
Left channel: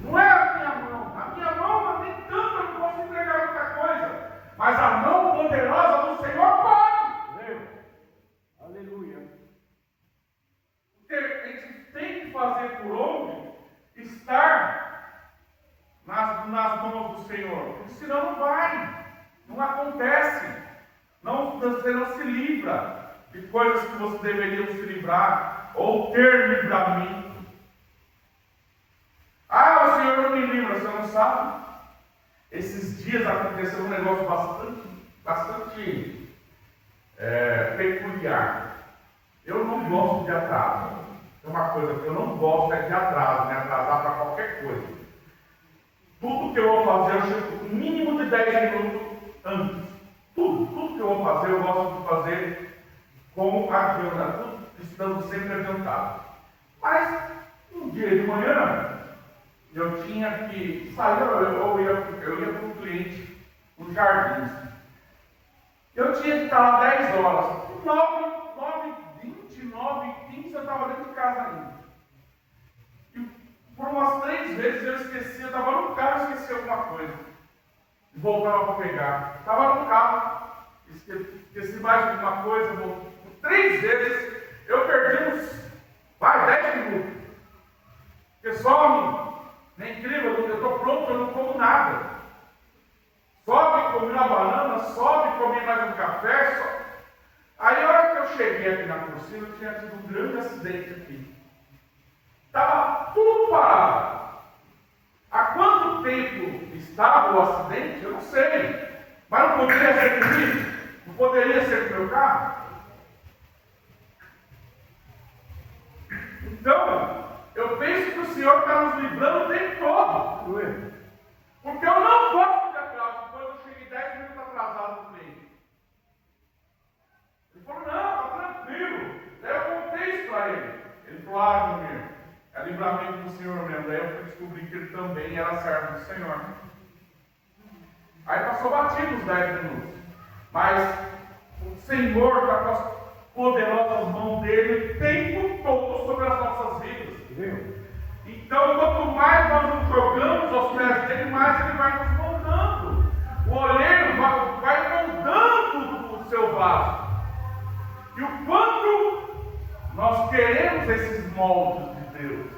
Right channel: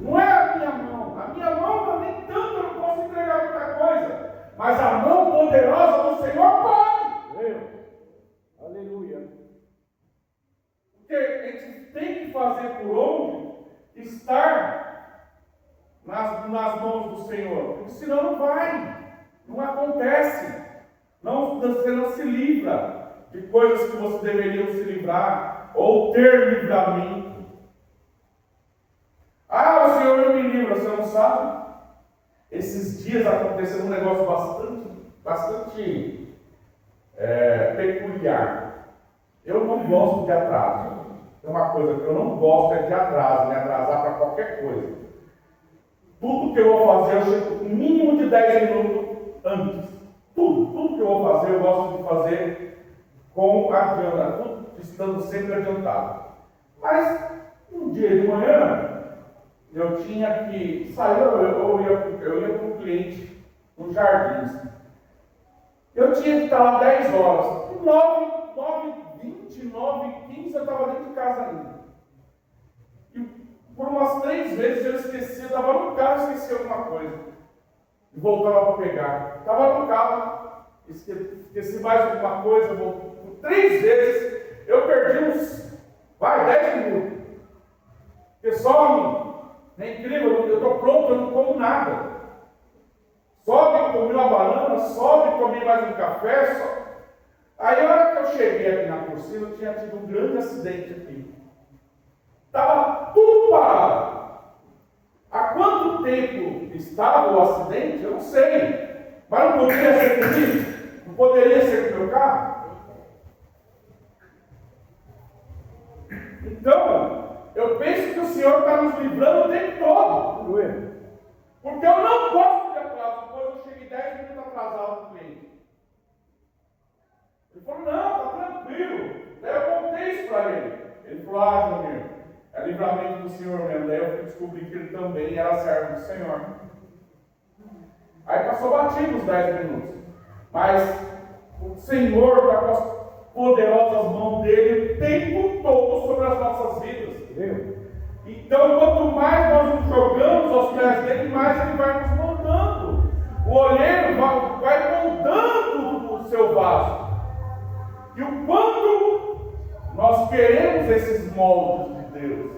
Não é a minha mão. A minha mão nem tanto eu não posso entregar muita coisa. Mas a mão poderosa do Senhor pode. Aleluia. Porque a gente tem que fazer por onde estar nas mãos do Senhor. Porque senão não vai. Não acontece. Você não se livra de coisas que você deveria se livrar, ou ter livramento. O Senhor não me livra, você não sabe? Esses dias aconteceu um negócio bastante peculiar. Eu não gosto de atraso. É uma coisa que eu não gosto é de atraso, me atrasar para qualquer coisa. Tudo que eu vou fazer, eu chego no mínimo de 10 minutos antes. Tudo que eu vou fazer, eu gosto de fazer com adianta, tudo estando sempre adiantado. Mas, um dia de manhã, eu tinha que sair, eu ia para um cliente, no Jardins. Eu tinha que estar lá 10 horas. 9h20, 9h15, eu estava dentro de casa ainda. E Por umas 3 vezes eu esqueci, eu estava no carro e esqueci alguma coisa. E voltava para pegar. Estava no carro, esqueci mais alguma coisa, por 3 vezes eu perdi uns, 10 minutos. Porque só, é incrível, eu estou pronto, eu não como nada. Sobe, comi uma banana, sobe, comi mais um café, sobe. Aí a hora que eu cheguei aqui na Cursina, eu tinha tido um grande acidente aqui. Estava tudo parado. Há quanto tempo estava o acidente? Eu não sei. Mas não poderia ser comigo? Não poderia ser com o meu carro? Então, eu penso que o Senhor está nos livrando o tempo todo. Porque eu não gosto de atraso. Depois eu cheguei 10 minutos atrasado no cliente. Ele falou, não, está tranquilo. Daí eu contei isso para ele. Ele falou, meu, é livramento do Senhor mesmo. Daí eu descobri que ele também era servo do Senhor. Aí passou batido os 10 minutos. Mas o Senhor está com as poderosas mãos dele o tempo todo sobre as nossas vidas. Então, quanto mais nós nos jogamos aos pés dele, mais ele vai nos moldando. O olheiro vai moldando o seu vaso. E o quanto nós queremos esses moldes de Deus.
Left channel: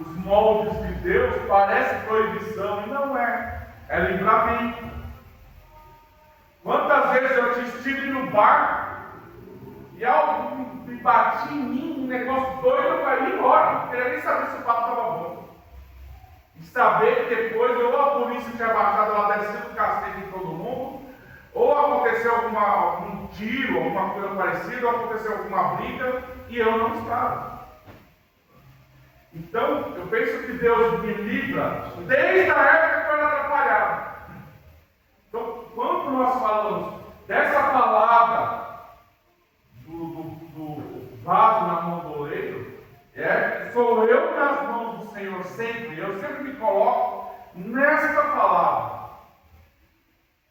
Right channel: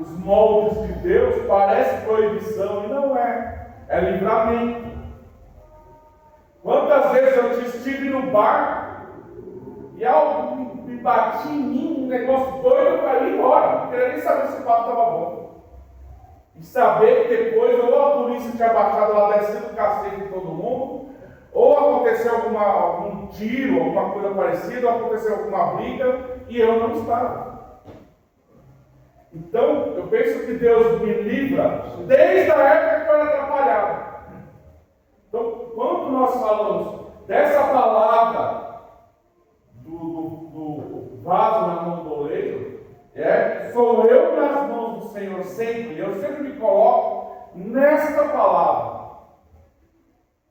Os moldes de Deus parecem proibição e não é. É livramento. Quantas vezes eu estive no bar e algo me bati em mim, um negócio doido, eu caí embora. Não queria nem saber se o papo estava bom. E saber que depois ou a polícia tinha baixado lá descendo o cacete de todo mundo, ou aconteceu algum tiro, alguma coisa parecida, ou aconteceu alguma briga e eu não estava. Então, eu penso que Deus me livra desde a época que eu era atrapalhado. Então, quando nós falamos dessa palavra do vaso na mão do oleiro, sou eu nas mãos do Senhor sempre. Eu sempre me coloco nesta palavra.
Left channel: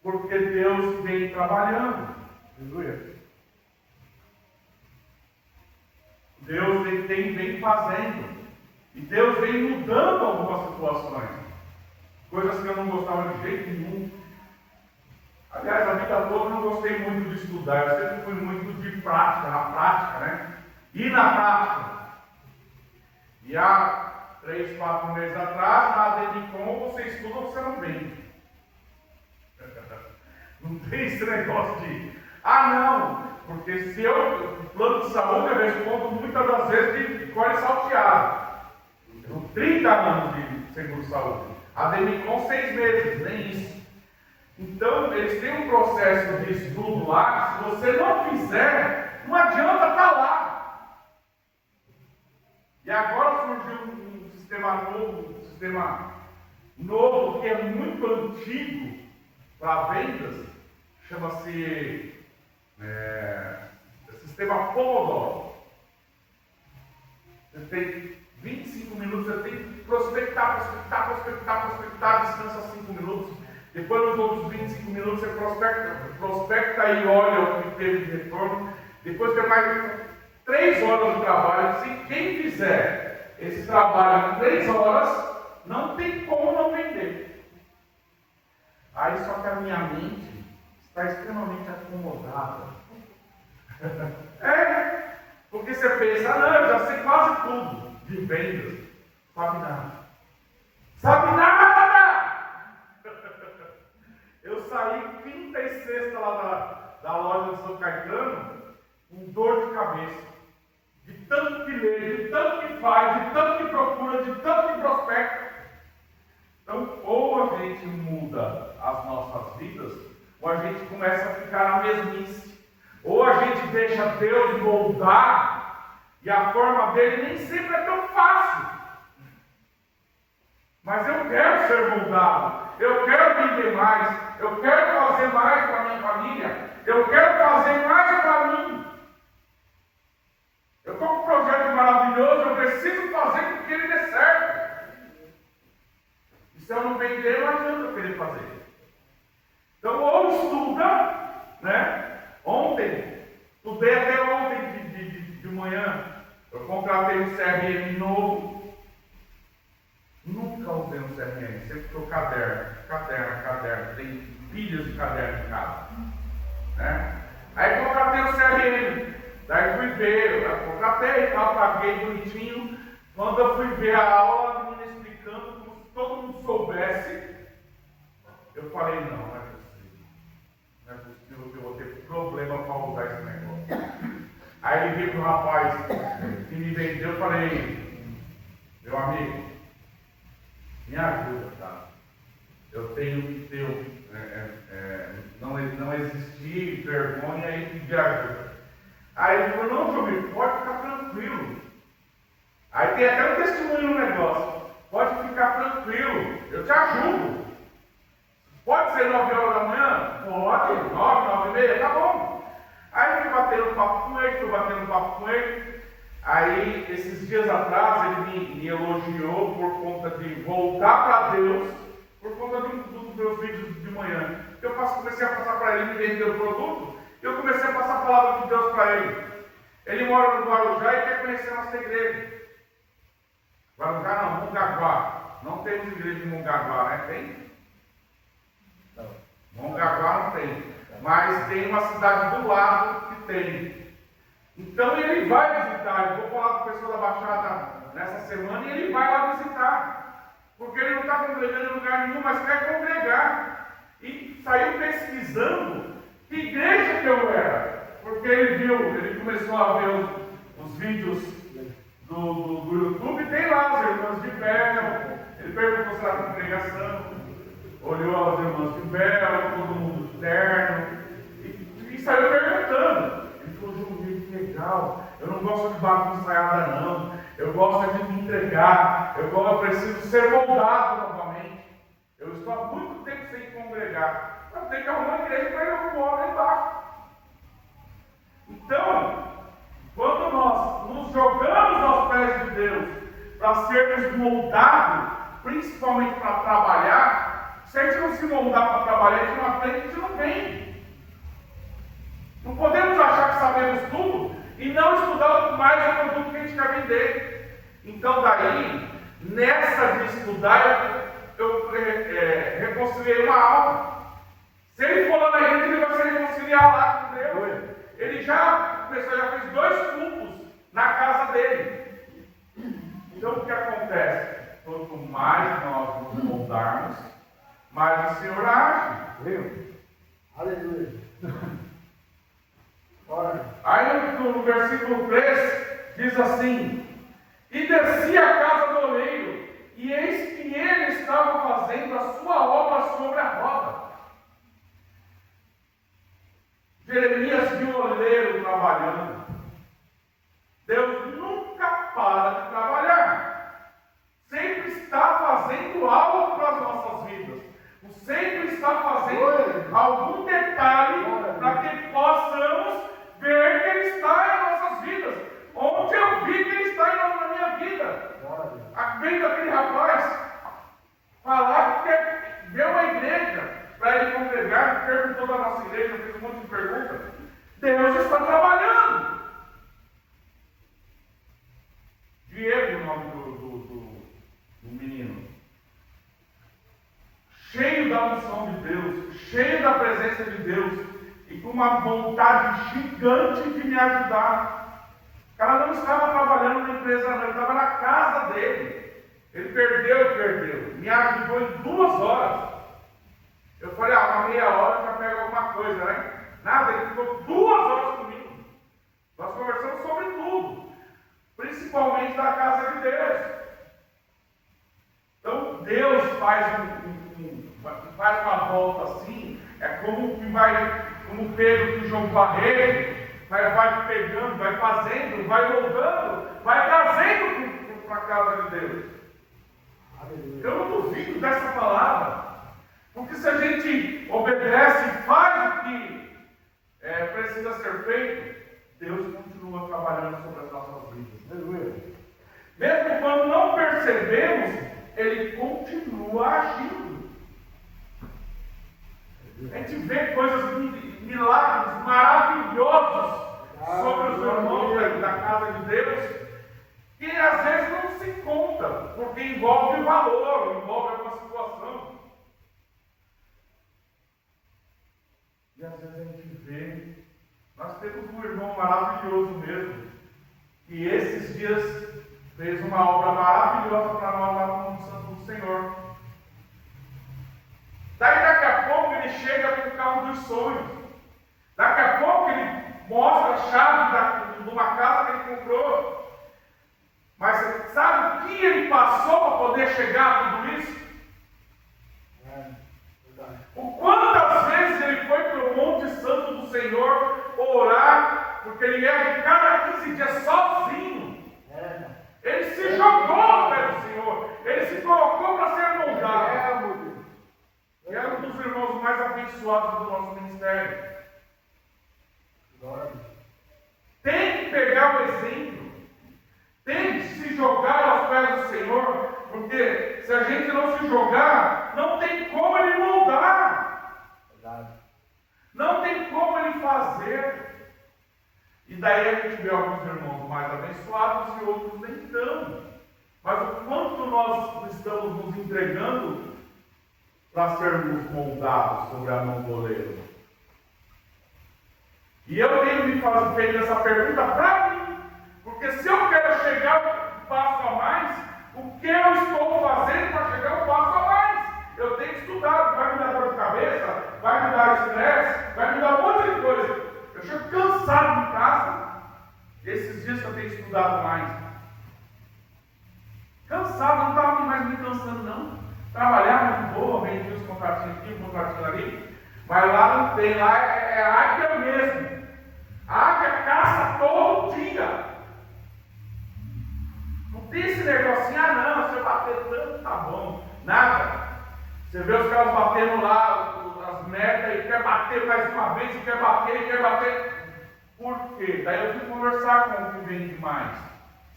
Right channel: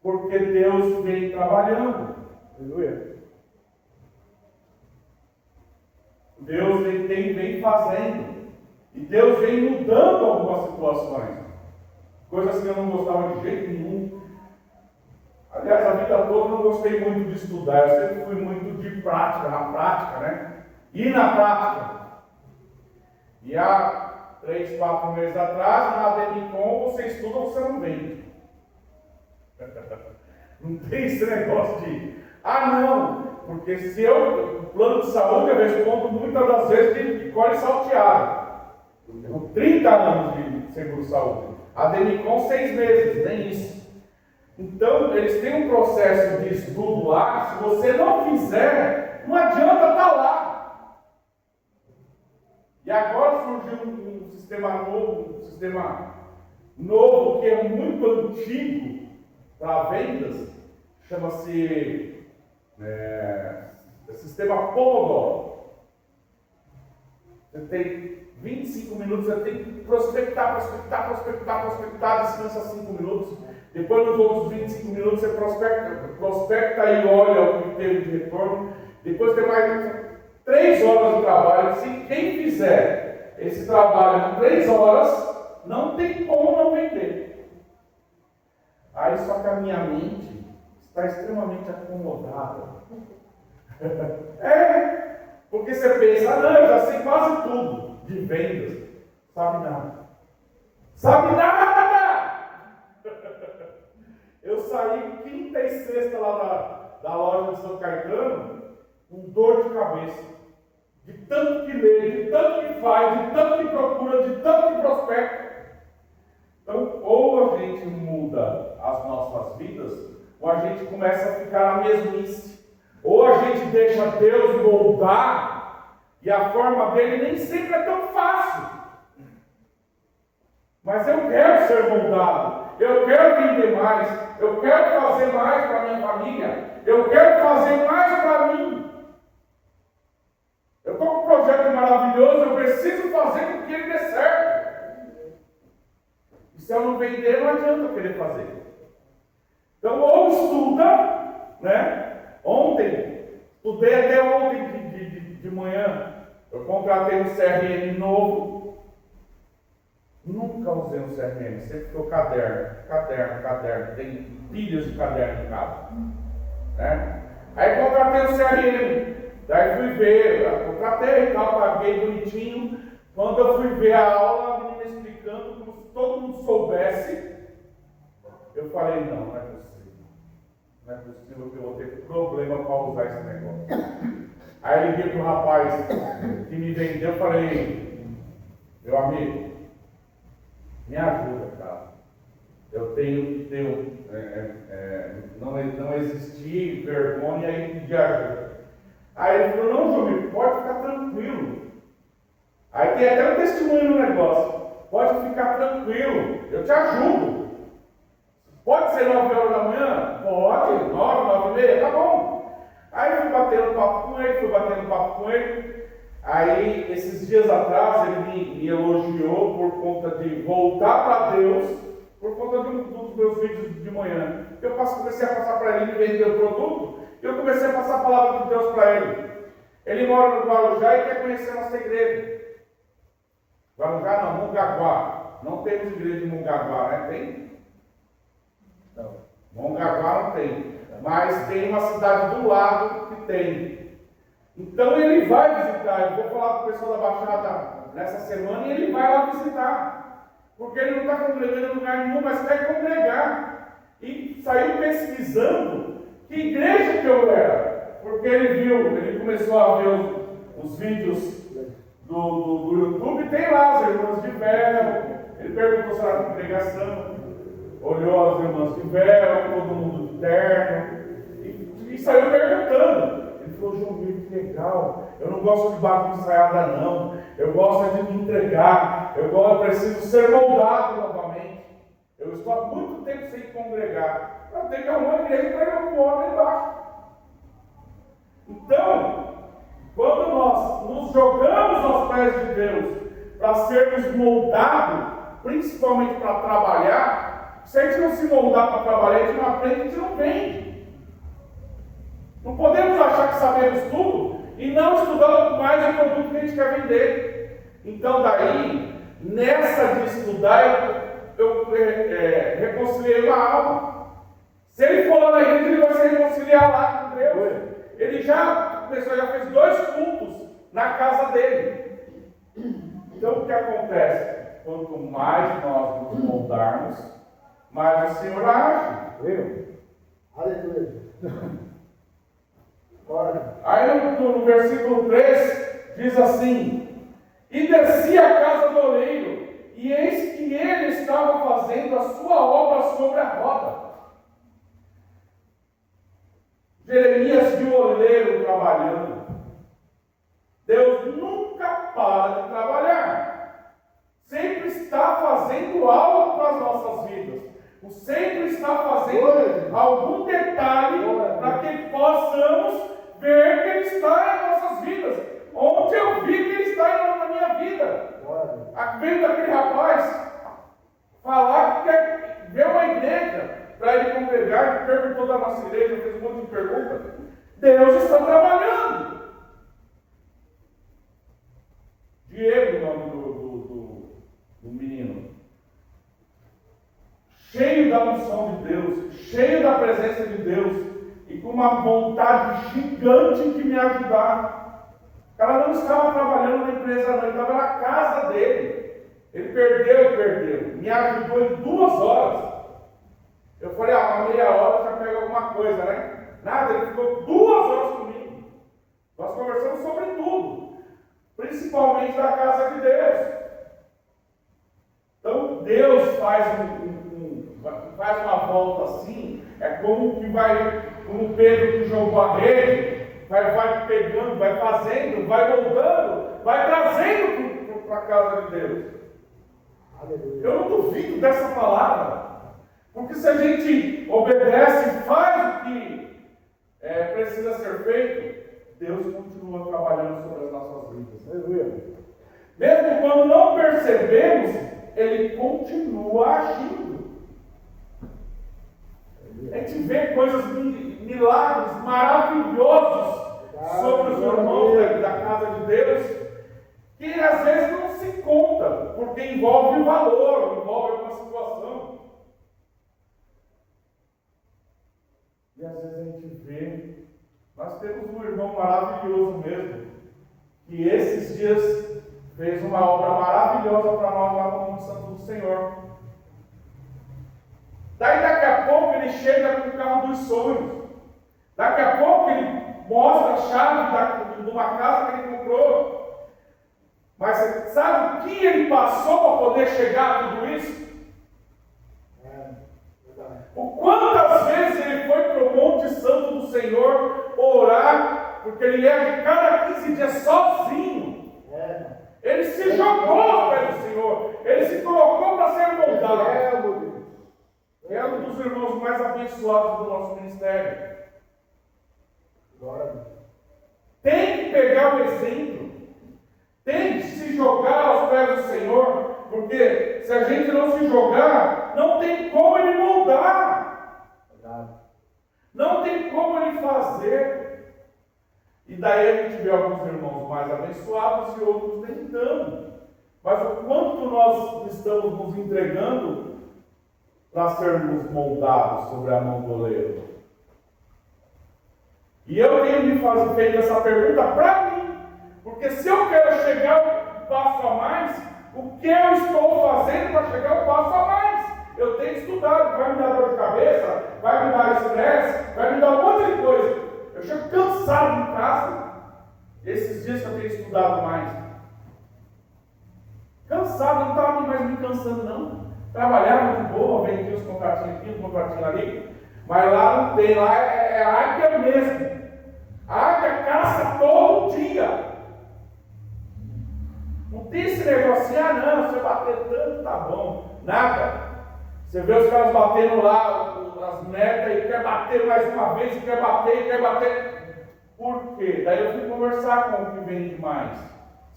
Porque Deus vem trabalhando. Aleluia. Deus vem fazendo. E Deus vem mudando algumas situações. Coisas que eu não gostava de jeito nenhum. Aliás, a vida toda eu não gostei muito de estudar. Eu sempre fui muito de prática, na prática, né? E na prática. E há 3, 4 meses atrás, na Ademicon, você estuda ou você não vende. Não tem esse negócio de, não, porque se o plano de saúde eu respondo muitas das vezes de cor salteado. Eu tenho 30 anos de seguro-saúde. A Demicon 6 meses, nem isso. Então, eles têm um processo de estudo lá, que se você não fizer, não adianta estar lá. E agora surgiu um sistema novo, que é muito antigo para vendas, chama-se sistema Pomodoro. Você tem 25 minutos, você tem que prospectar, descansa 5 minutos. Depois, nos outros 25 minutos, você prospecta e olha o que teve de retorno. Depois tem mais 3 horas de trabalho. Se quem fizer esse trabalho em 3 horas, não tem como não vender. Aí só que a minha mente está extremamente acomodada. Porque você pensa, eu já sei quase tudo de vendas. Sabe nada. Sabe nada! Eu saí quinta e sexta lá da loja do São Caetano com dor de cabeça. De tanto que lê, de tanto que faz, de tanto que procura, de tanto que prospecta. Então, ou a gente muda as nossas vidas, ou a gente começa a ficar na mesmice. Ou a gente deixa Deus moldar, e a forma dele nem sempre é tão fácil. Mas eu quero ser moldado, eu quero vender mais, eu quero fazer mais para minha família, eu quero fazer mais para mim. Eu estou com um projeto maravilhoso, eu preciso fazer com que ele dê certo. E se eu não vender, não adianta eu querer fazer. Então, ou estuda, né? Estudei até ontem de manhã, eu contratei um CRM novo. Nunca usei um CRM, sempre estou caderno. Tem pilhas de caderno em casa. Né? Aí contratei o CRM. Daí fui ver, eu contratei e tal, paguei bonitinho. Quando eu fui ver a aula, a menina explicando, como se todo mundo soubesse, eu falei, não é possível. Não é possível que eu vou ter problema para usar esse negócio. Aí liguei para o rapaz que me vendeu, eu falei, meu amigo, me ajuda, tá? Eu tenho que ter não existir vergonha e pedir ajuda. Aí ele falou, não, Júlio, pode ficar tranquilo. Aí tem até um testemunho no negócio. Pode ficar tranquilo, eu te ajudo. Pode ser 9 horas da manhã? Pode, 9h30, tá bom. Aí fui batendo papo com ele, Aí, esses dias atrás, ele me elogiou por conta de voltar para Deus, por conta dos meus vídeos de manhã. Eu comecei a passar para ele, ele vendeu o produto, eu comecei a passar a palavra de Deus para ele. Ele mora no Guarujá e quer conhecer a nossa igreja. Guarujá não, Mongaguá. Não temos igreja em Mongaguá, né? Tem? Não. Mongaguá não tem. Mas tem uma cidade do lado que tem. Então ele vai visitar. Eu vou falar com o pessoal da Baixada nessa semana e ele vai lá visitar. Porque ele não está congregando em lugar nenhum, mas quer congregar. E saiu pesquisando que igreja que eu era. Porque ele começou a ver os vídeos do YouTube, tem lá as irmãs de véu. Ele perguntou se era congregação, olhou as irmãs de véu, todo mundo de terno, e saiu perguntando. Ele falou, João Vitor, que legal, eu não gosto de bato ensaiada não, eu gosto de me entregar, eu preciso ser moldado novamente. Eu estou há muito tempo sem congregar, eu tenho que arrumar uma igreja para eu voar lá embaixo. Então, quando nós nos jogamos aos pés de Deus para sermos moldados, principalmente para trabalhar, se a gente não se moldar para trabalhar, a gente não aprende, a gente não vem. Não podemos achar que sabemos tudo e não estudar mais o produto que a gente quer vender. Então, daí, nessa de estudar, eu reconciliei uma alma. Se ele for lá na igreja, ele vai se reconciliar lá com Deus. Ele já fez 2 cultos na casa dele. Então o que acontece? Quanto mais nós nos moldarmos, mais o Senhor age. Aleluia. Aí no versículo 3 diz assim: e desci à casa do oleiro, e eis que ele estava fazendo a sua obra sobre a roda. Jeremias viu o oleiro trabalhando. Deus nunca para de trabalhar. Sempre está fazendo algo para as nossas vidas. Sempre está fazendo algum detalhe para que possamos ver que Ele está em nossas vidas. Ontem eu vi que Ele está na minha vida. Vendo aquele rapaz falar que quer ver uma igreja para ele congregar, perguntou da nossa igreja, fez um monte de perguntas. Deus está trabalhando. Diego, o nome do menino. Cheio da unção de Deus, cheio da presença de Deus, e com uma vontade gigante de me ajudar. O cara não estava trabalhando na empresa, não, ele estava na casa dele. Ele perdeu. Me ajudou em 2 horas. Eu falei, uma meia hora já pega alguma coisa, né? Nada, ele ficou 2 horas comigo. Nós conversamos sobre tudo, principalmente da casa de Deus. Então, Deus faz uma volta assim, é como Pedro que jogou a rede, vai pegando, vai fazendo, vai moldando, vai trazendo para a casa de Deus. Eu não duvido dessa palavra. Porque se a gente obedece e faz o que precisa ser feito, Deus continua trabalhando sobre as nossas vidas. Mesmo quando não percebemos, Ele continua agindo. A gente vê coisas, milagres maravilhosos sobre os irmãos da casa de Deus, que às vezes não se conta, porque envolve valor, envolve uma situação. E às vezes a gente vê, nós temos um irmão maravilhoso mesmo, que esses dias fez uma obra maravilhosa para nós lá no Santo do Senhor. Daí daqui a pouco ele chega com o carro dos sonhos. Daqui a pouco ele mostra a chave de uma casa que ele comprou. Mas sabe o que ele passou para poder chegar a tudo isso? O quantas vezes ele foi para o Monte Santo do Senhor orar, porque ele ia de cada 15 dias sozinho. Ele se jogou ao pé do Senhor, ele se colocou para ser moldado. E era um dos irmãos mais abençoados do nosso ministério. Tem que pegar o exemplo, tem que se jogar aos pés do Senhor, porque se a gente não se jogar, não tem como ele moldar, não tem como ele fazer. E daí a gente vê alguns irmãos mais abençoados e outros nem tanto. Mas o quanto nós estamos nos entregando para sermos moldados sobre a mão do oleiro. E eu tenho me feito essa pergunta para mim, porque se eu quero chegar um passo a mais, o que eu estou fazendo para chegar um passo a mais? Eu tenho estudado, vai me dar dor de cabeça, vai me dar estresse, vai me dar um monte de coisa. Eu chego cansado em casa, esses dias que eu tenho estudado mais. Cansado, não estava mais me cansando não. Trabalhava de boa, vendia os contratinhos aqui, um contratinho ali, mas lá não tem, lá é águia mesmo. A águia caça todo dia. Não tem esse negocinho, não, se eu bater tanto, tá bom. Nada. Você vê os caras batendo lá, as metas, e quer bater mais uma vez, e quer bater. Por quê? Daí eu fui conversar com o que vende mais.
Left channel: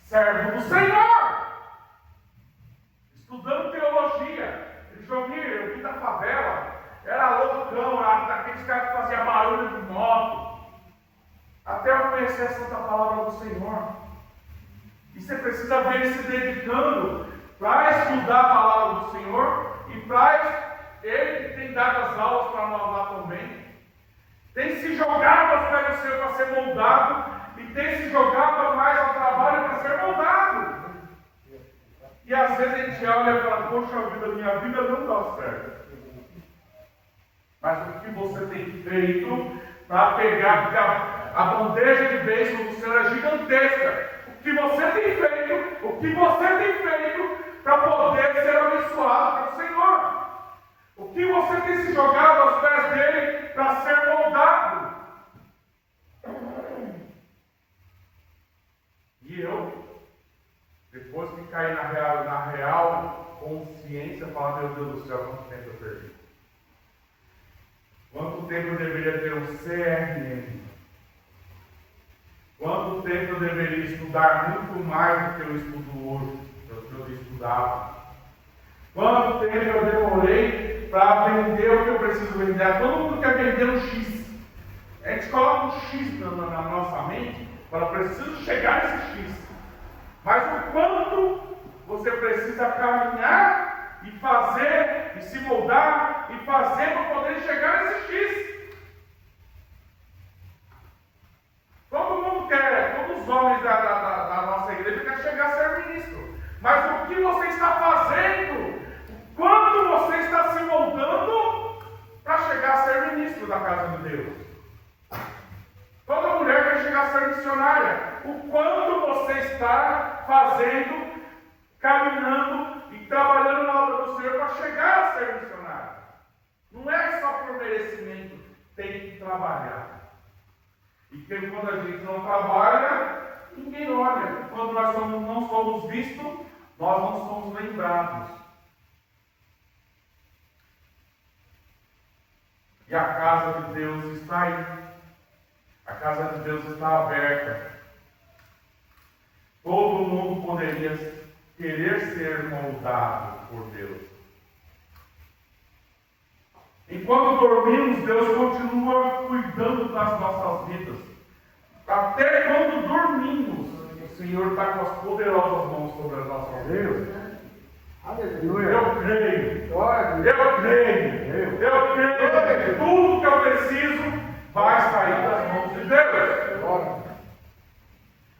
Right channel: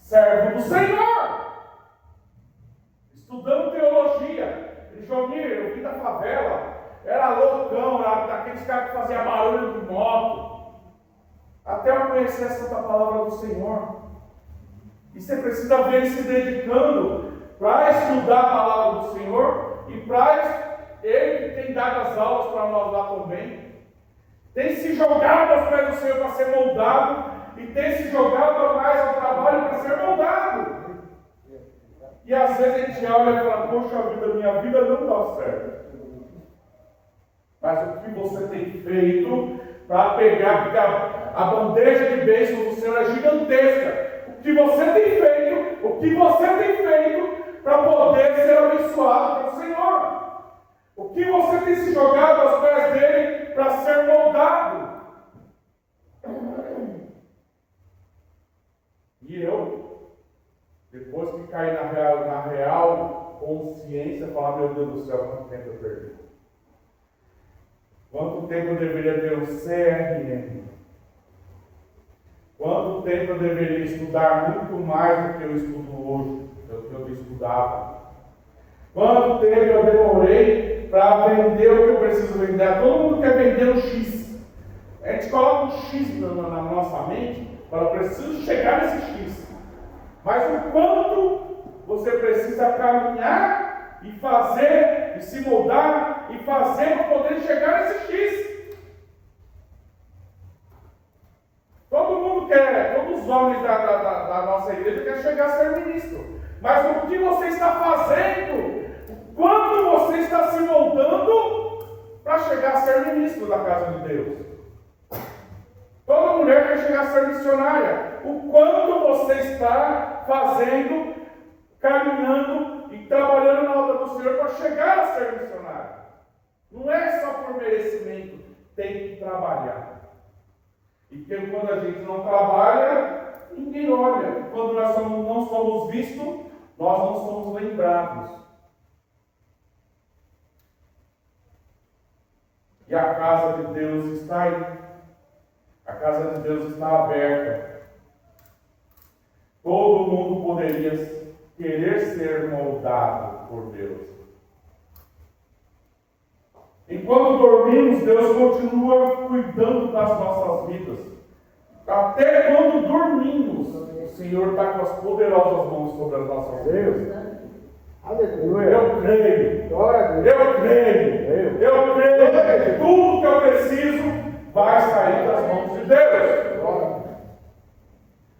Servo do Senhor! Estudando teologia. Jomir, eu vim da favela, era loucão, era daqueles caras que faziam barulho de moto. Até eu conhecer a santa palavra do Senhor. E você precisa ver ele se dedicando para estudar a palavra do Senhor e para ele que tem dado as aulas para nós lá também. Tem se jogado aos pés do Senhor para ser moldado e tem se jogado mais ao trabalho para ser moldado. E às vezes a gente olha e fala, poxa vida, minha vida não dá certo. Mas o que você tem feito para pegar, porque a bandeja de bênção do Senhor é gigantesca. O que você tem feito para poder ser abençoado pelo Senhor. O que você tem se jogado aos pés dele para ser moldado. E eu, depois que caí na real consciência, falar, meu Deus do céu, quanto tempo eu perdi? Quanto tempo eu deveria ter um CRM? Quanto tempo eu deveria estudar muito mais do que eu estudo hoje, do que eu estudava? Quanto tempo eu demorei para vender o que eu preciso vender? Todo mundo quer vender um X. A gente coloca um X na nossa mente para preciso chegar nesse X. Mas o quanto você precisa caminhar e fazer, e se moldar, e fazer para poder chegar nesse X. Todo mundo quer, todos os homens da nossa igreja querem chegar a ser ministro. Mas o que você está fazendo? Quando você está se moldando para chegar a ser ministro da casa de Deus? Toda mulher quer chegar a ser missionária. O quanto você está fazendo, caminhando e trabalhando na obra do Senhor para chegar a ser missionário? Não é só por merecimento, tem que trabalhar. E que quando a gente não trabalha, ninguém olha. Quando nós não somos vistos, nós não somos lembrados. E a casa de Deus está aí. A casa de Deus está aberta. Todo mundo poderia querer ser moldado por Deus. Enquanto dormimos, Deus continua cuidando das nossas vidas. Até quando dormimos, o Senhor está com as poderosas mãos sobre as nossas vidas. Aleluia. Eu creio. Glória a Deus. Eu creio. Eu creio que tudo que eu preciso vai sair das mãos de Deus. Glória.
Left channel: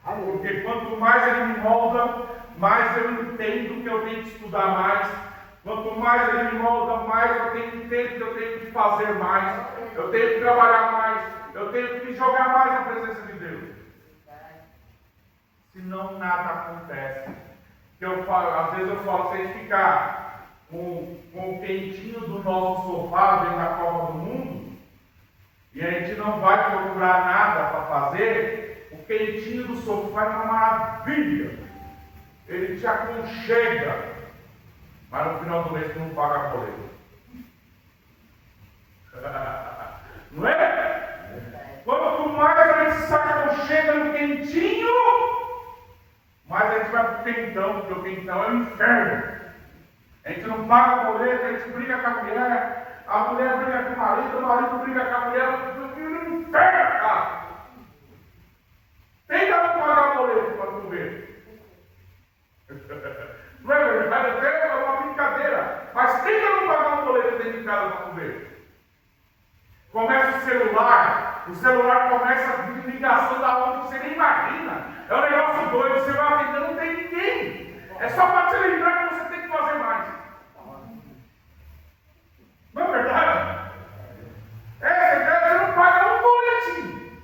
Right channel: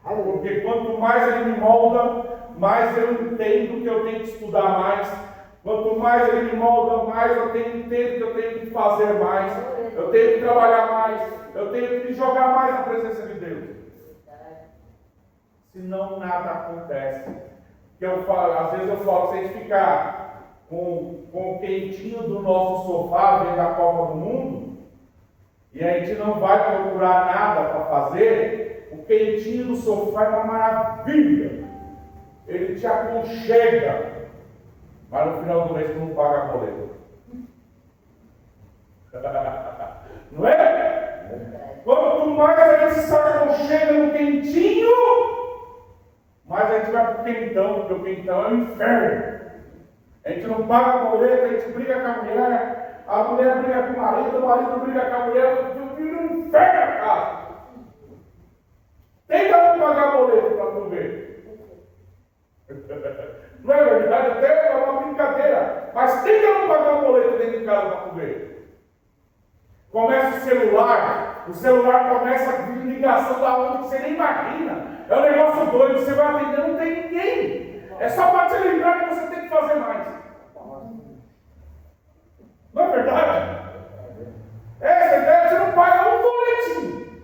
Aleluia. Porque quanto mais Ele me molda, mais eu entendo que eu tenho que estudar mais. Quanto mais Ele me molda, mais eu entendo que eu tenho que fazer mais. Eu tenho que trabalhar mais. Eu tenho que me jogar mais na presença de Deus. Senão nada acontece. Que eu falo, às vezes eu falo, se a gente ficar com o quentinho do nosso sofá dentro da Copa do Mundo, e a gente não vai procurar nada para fazer, o quentinho do sofá é uma maravilha. Ele te aconchega, mas no final do mês tu não paga a boleto. Não é? Quanto mais a gente se aconchega no quentinho, mais a gente vai para o quentão, porque o quentão é o inferno. A gente não paga a boleto, a gente briga com a mulher briga com o marido briga com a mulher, vira um inferno a casa. Tenta não pagar a boleto para tu ver. Não é verdade? Até é uma brincadeira. Mas tenta não pagar o boleto dentro de casa para tu ver. Começa o celular começa a vir ligação da onde que você nem imagina. É um negócio doido, você vai atender, não tem ninguém. É só para te lembrar que você tem que fazer mais. Não é verdade? Você não paga um boletim.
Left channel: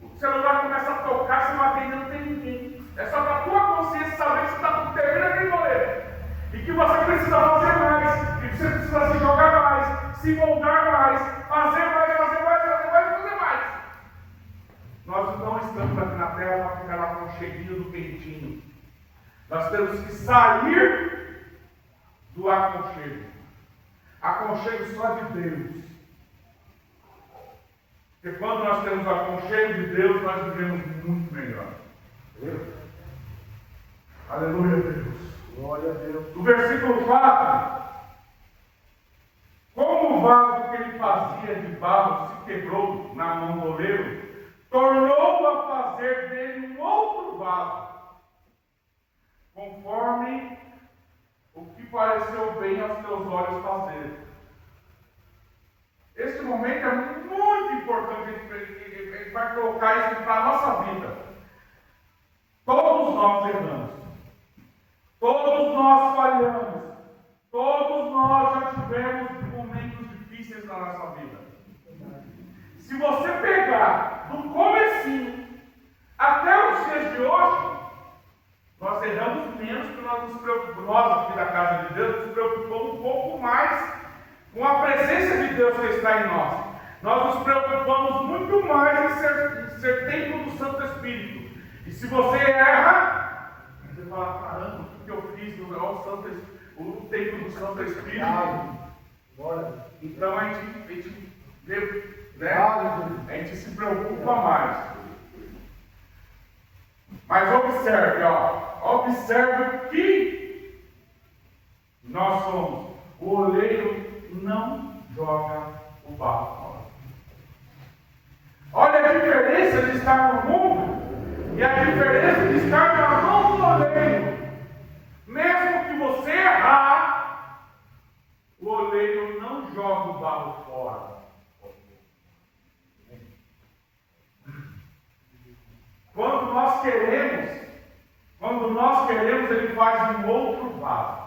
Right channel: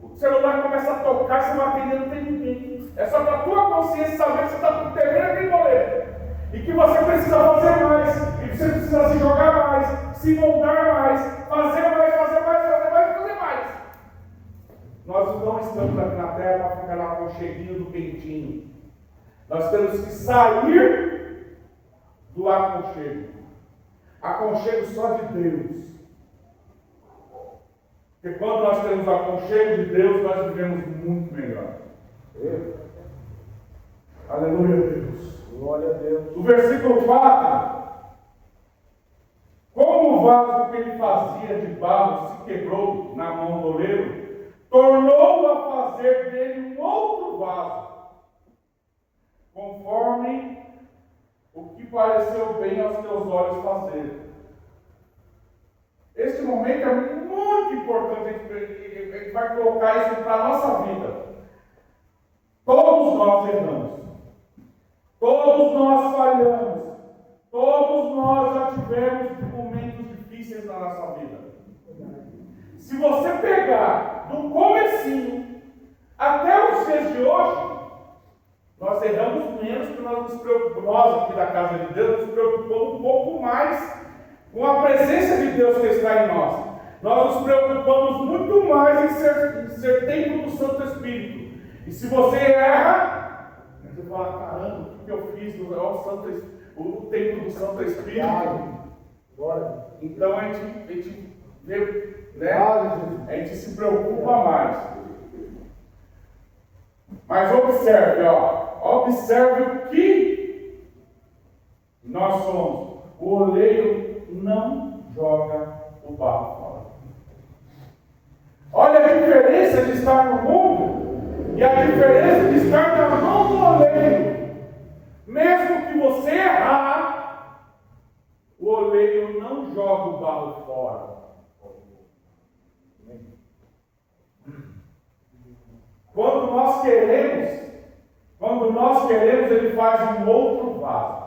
O celular começa a tocar, você vai atender, não tem ninguém. É só para a tua consciência saber que você está devendo aquele boleto. E que você precisa fazer mais. E que você precisa se jogar mais, se moldar mais, fazer mais. Nós não estamos aqui na terra para ficar lá com o cheguinho do quentinho. Nós temos que sair do aconchego. Aconchego só de Deus. Porque quando nós temos o aconchego de Deus, nós vivemos muito melhor. Aleluia a Deus. Glória a Deus. O versículo 4. Como o vaso que ele fazia de barro se quebrou na mão do oleiro, tornou a fazer dele um outro vaso, conforme o que pareceu bem aos teus olhos fazer. Este momento é muito importante, a gente vai colocar isso para a nossa vida. Todos nós erramos, todos nós falhamos, todos nós já tivemos momentos difíceis na nossa vida. Se você pegar do comecinho até os dias de hoje, nós erramos menos porque nós nos preocupamos, nós aqui da casa de Deus, nos preocupamos um pouco mais com a presença de Deus que está em nós. Nós nos preocupamos muito mais em ser templo do Santo Espírito. E se você erra, você fala, caramba, o que eu fiz? O templo do Santo Espírito. Então a gente vê, né? A gente se preocupa mais. Mas observe, observe que nós somos. O oleiro não joga o barro fora. Olha a diferença de estar no mundo e a diferença de estar na mão do oleiro. Mesmo que você errar, o oleiro não joga o barro fora. Quando nós queremos, ele faz um outro vaso.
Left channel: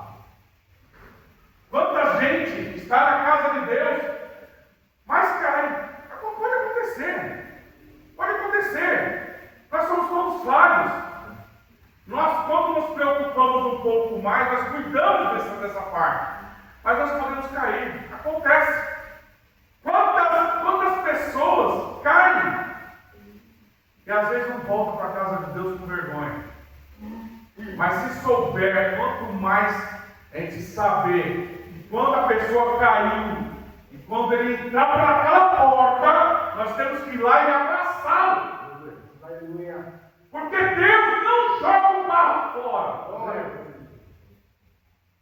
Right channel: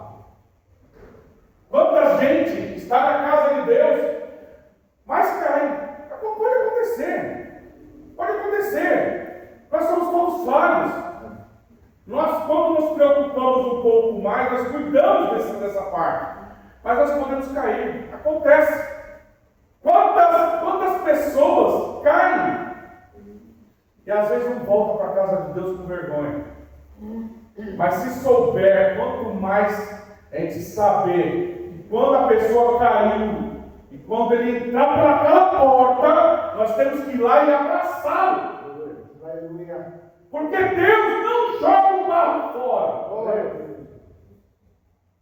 Quanta gente está na casa de Deus, mas cai. Pode acontecer. Nós somos todos falhos. Nós, quando nos preocupamos um pouco mais, nós cuidamos dessa parte. Mas nós podemos cair. Acontece. Quantas pessoas caem e às vezes não voltam para a casa de Deus com vergonha. Mas se souber, quanto mais a gente saber que quando a pessoa caiu e quando ele entrar por aquela porta, nós temos que ir lá e abraçá-lo. Porque Deus não joga o barro fora.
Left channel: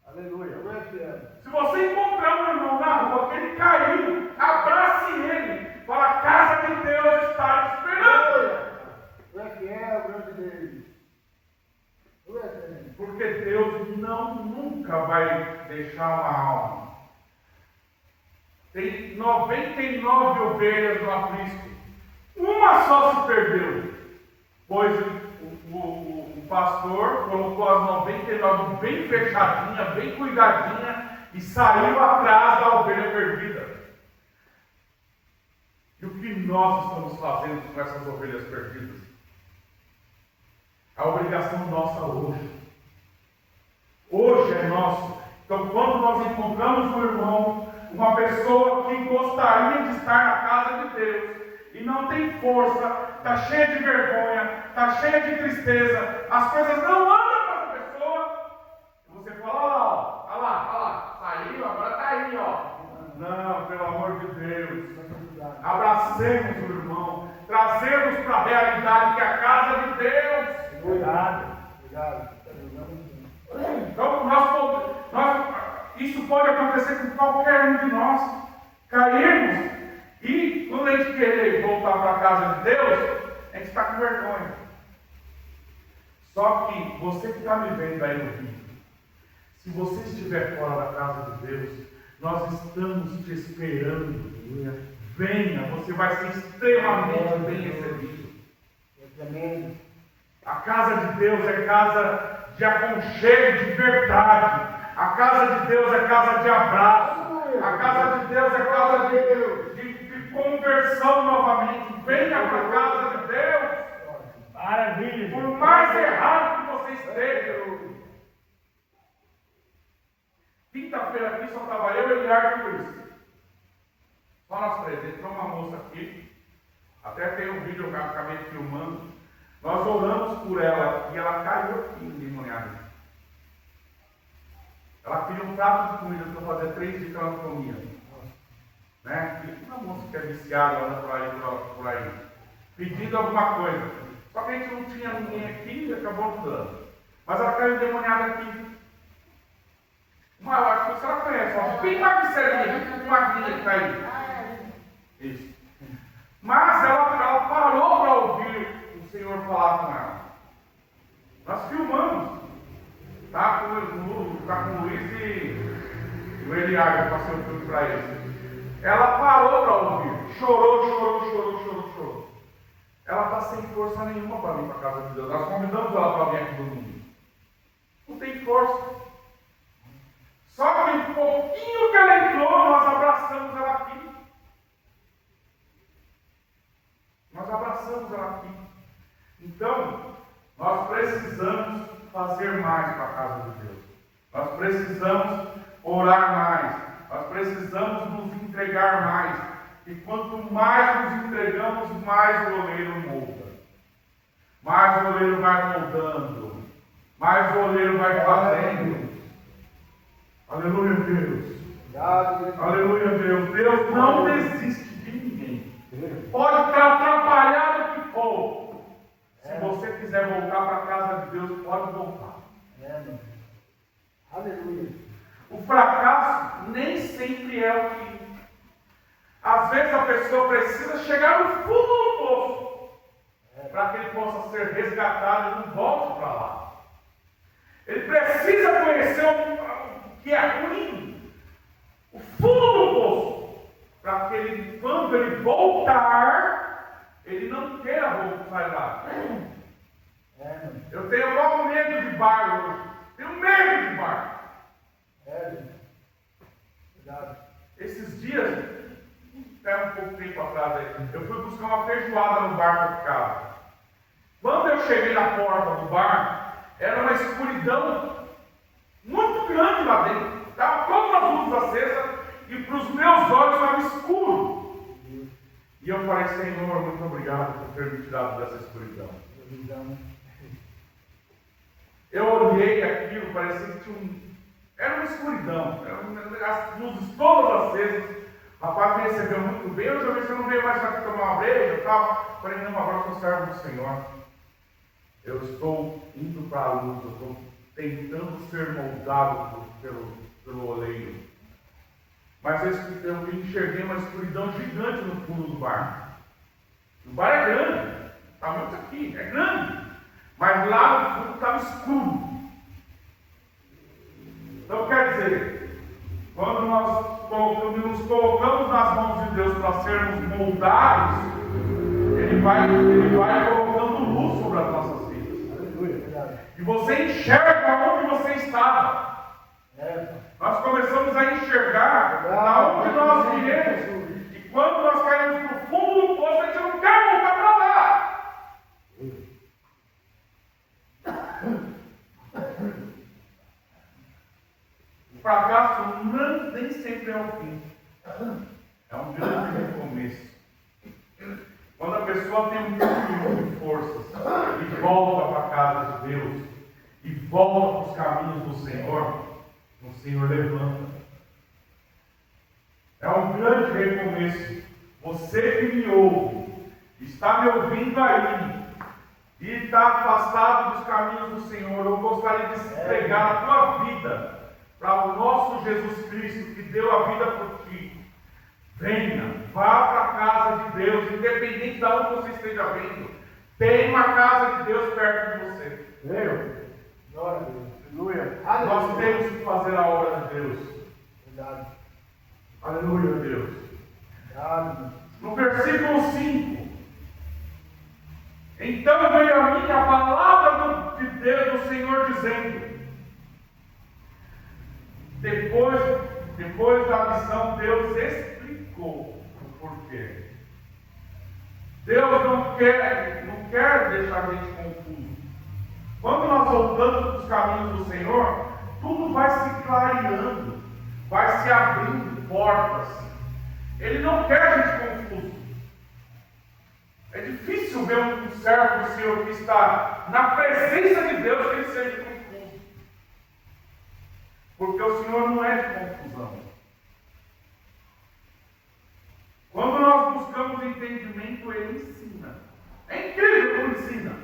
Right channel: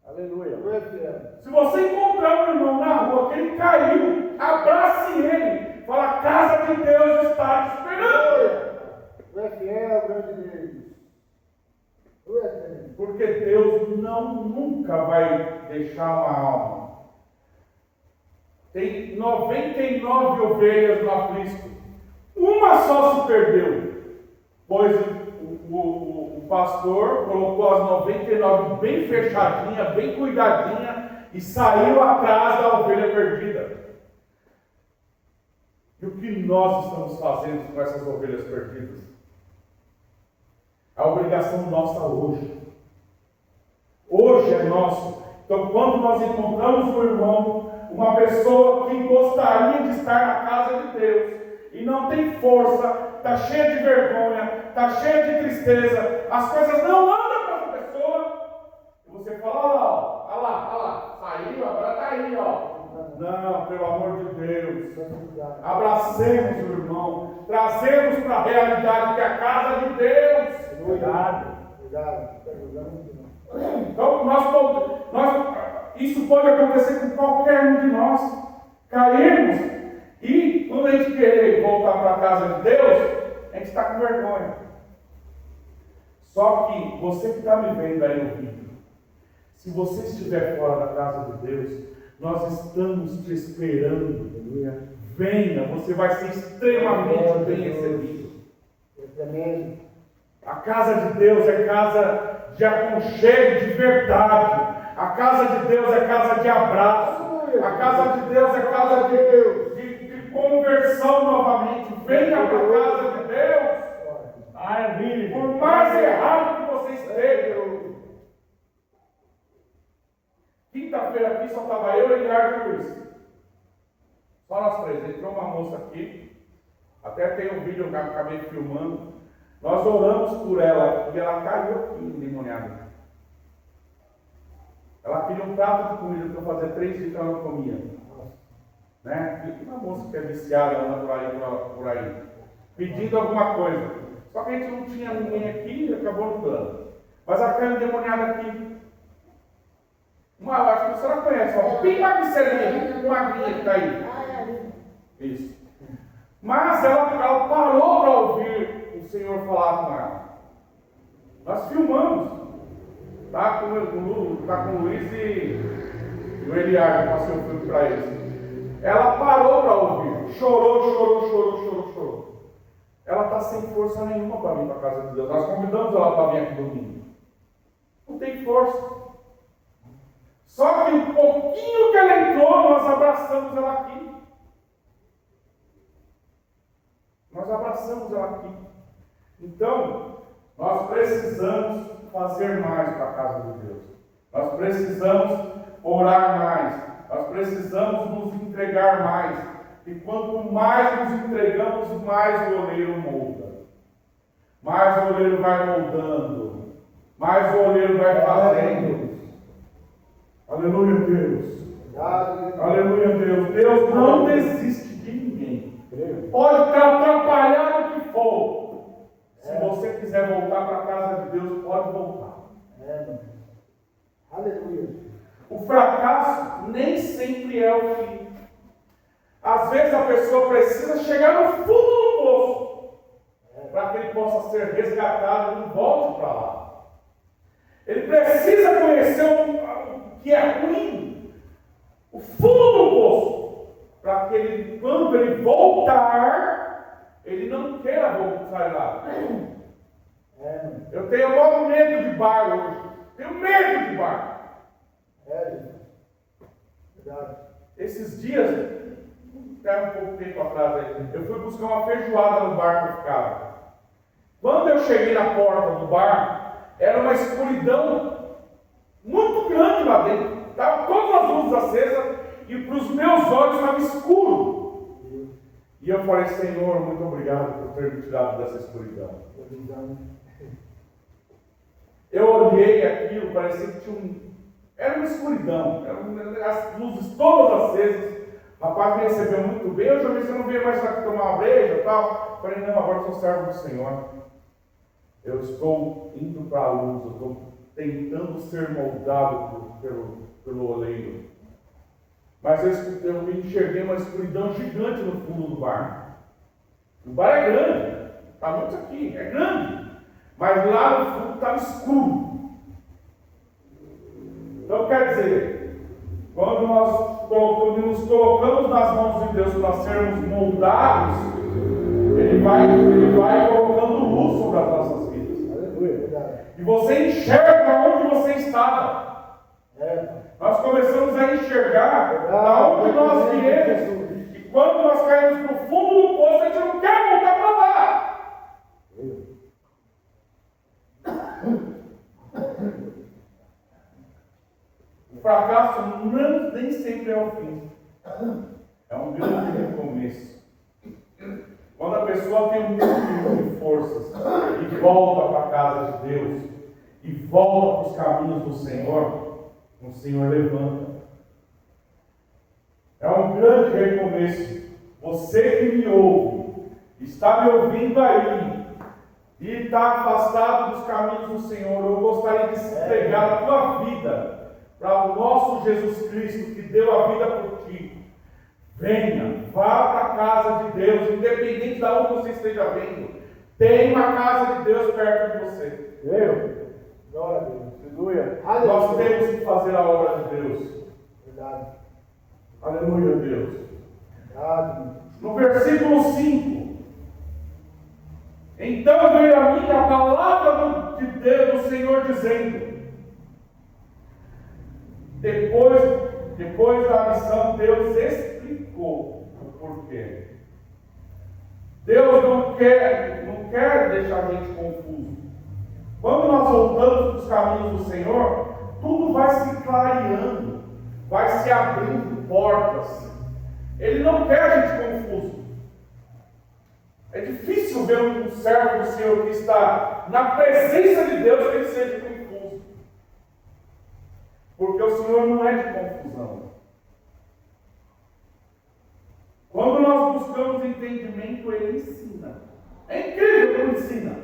Aleluia. Se você encontrar um irmão na rua que ele caiu, abrace ele. Fala, a casa de Deus está te esperando. Tu é fiel, grande Deus. nunca vai deixar uma alma. Tem 99 ovelhas no aprisco. Uma só se perdeu, pois o pastor colocou as 99 bem fechadinha, bem cuidadinha e saiu atrás da ovelha perdida. E o que nós estamos fazendo com essas ovelhas perdidas? A obrigação nossa hoje. Hoje é nosso. Então, quando nós encontramos um irmão, uma pessoa que gostaria de estar na casa de Deus e não tem força, está cheia de vergonha, está cheia de tristeza, as coisas não andam com essa pessoa, e você fala, olha lá, saiu, agora está aí, ó. Não, pelo amor de Deus, abracemos o irmão, trazemos para a realidade que é a casa de Deus. Cuidado. Então, isso pode acontecer com qualquer um de nós. Caímos e, quando a gente querer voltar para a casa de Deus, a gente está com vergonha. Só que você que está me vendo aí no vídeo, se você estiver fora da casa de Deus, nós estamos te esperando. Venha, você vai ser extremamente bem recebido. A casa de Deus é casa de aconchego de verdade. A casa de Deus é casa de abraço. A casa de Deus é casa de conversão novamente. Venha para a casa de Deus. Maravilha. Por mais errado que você esteja. Quinta-feira aqui só estava eu, Eliardo e Luiz. Só nós três. Entrou uma moça aqui. Até tem um vídeo que eu acabei filmando. Nós oramos por ela e ela caiu aqui endemoniada. Ela pediu um prato de comida para fazer 3 dias que ela não comia. Né? E uma moça que é viciada lá por aí, pedindo alguma coisa. Só que a gente não tinha ninguém aqui e acabou dando. Mas ela caiu endemoniada aqui. Eu acho que você não conhece, ó, bem magricelinha, magrinha que está aí. Isso. Mas ela parou para ouvir o Senhor falar com ela. Nós filmamos. Está com o Luiz e o Eliardo, que passei o filme para eles. Ela parou para ouvir. Chorou. Ela está sem força nenhuma para vir para a casa de Deus. Nós convidamos ela para vir aqui domingo. Não tem força. Só que um pouquinho que ela entrou, nós abraçamos ela aqui. Então, nós precisamos fazer mais para a casa de Deus. Nós precisamos orar mais. Nós precisamos nos entregar mais. E quanto mais nos entregamos, mais o oleiro molda. Mais o oleiro vai moldando. Mais o oleiro vai fazendo. Aleluia, Deus. Aleluia, Deus. Deus não desiste de ninguém. Pode estar atrapalhado o que for. Se você quiser voltar para a casa de Deus, pode voltar. Aleluia. O fracasso nem sempre é o fim. Às vezes a pessoa precisa chegar no fundo do poço para que ele possa ser resgatado e não volte para lá. Ele precisa conhecer o que é ruim, o fundo do poço, para que ele, quando ele voltar, ele não queira sair lá. Eu tenho maior medo de bar hoje. Tenho medo de bar. Esses dias, até um pouco tempo atrás aí, eu fui buscar uma feijoada no bar que eu ficava. Quando eu cheguei na porta do bar, era uma escuridão muito grande lá dentro. Estavam todas as luzes acesas e para os meus olhos estava escuro. E eu falei, Senhor, muito obrigado por ter me tirado dessa escuridão. Eu olhei aquilo, parecia que tinha era uma escuridão, as luzes todas acesas. O rapaz me recebeu muito bem. Eu já vi, você não veio mais aqui tomar uma breja e tal. Eu falei, não, agora eu sou servo do Senhor. Eu estou indo para a luz, eu estou tentando ser moldado pelo oleiro. Mas eu enxerguei uma escuridão gigante no fundo do bar. O bar é grande, está muito aqui, é grande. Mas lá no fundo estava escuro. Então quer dizer, quando nos colocamos nas mãos de Deus para sermos moldados, Ele vai colocando luz sobre as nossas vidas. Aleluia, verdade. E você enxerga onde você estava. Nós começamos a enxergar da onde nós viemos. E quando nós caímos no fundo do poço, a gente não quer voltar para lá. O fracasso nem sempre é o fim. É um grande recomeço. Quando a pessoa tem um pouquinho de forças e volta para a casa de Deus, e volta para os caminhos do Senhor, o Senhor levanta. É um grande recomeço. Você que me ouve, está me ouvindo aí, e está afastado dos caminhos do Senhor, eu gostaria de entregar a tua vida para o nosso Jesus Cristo, que deu a vida por ti. Venha, vá para a casa de Deus, independente de onde você esteja vindo. Tem uma casa de Deus perto de você. Veio. Glória a Deus. Aleluia. Nós temos que fazer a obra de Deus. Verdade. Aleluia, Deus. Verdade. No versículo 5. Então veio a mim a palavra de Deus, do Senhor, dizendo: depois da missão, Deus explicou o porquê. Deus não quer deixar a gente confuso. Quando nós voltamos para os caminhos do Senhor, tudo vai se clareando, vai se abrindo portas. Ele não quer a gente confuso. É difícil ver um servo do Senhor que está na presença de Deus que ele seja confuso. Porque o Senhor não é de confusão. Quando nós buscamos entendimento, Ele ensina. É incrível como ensina.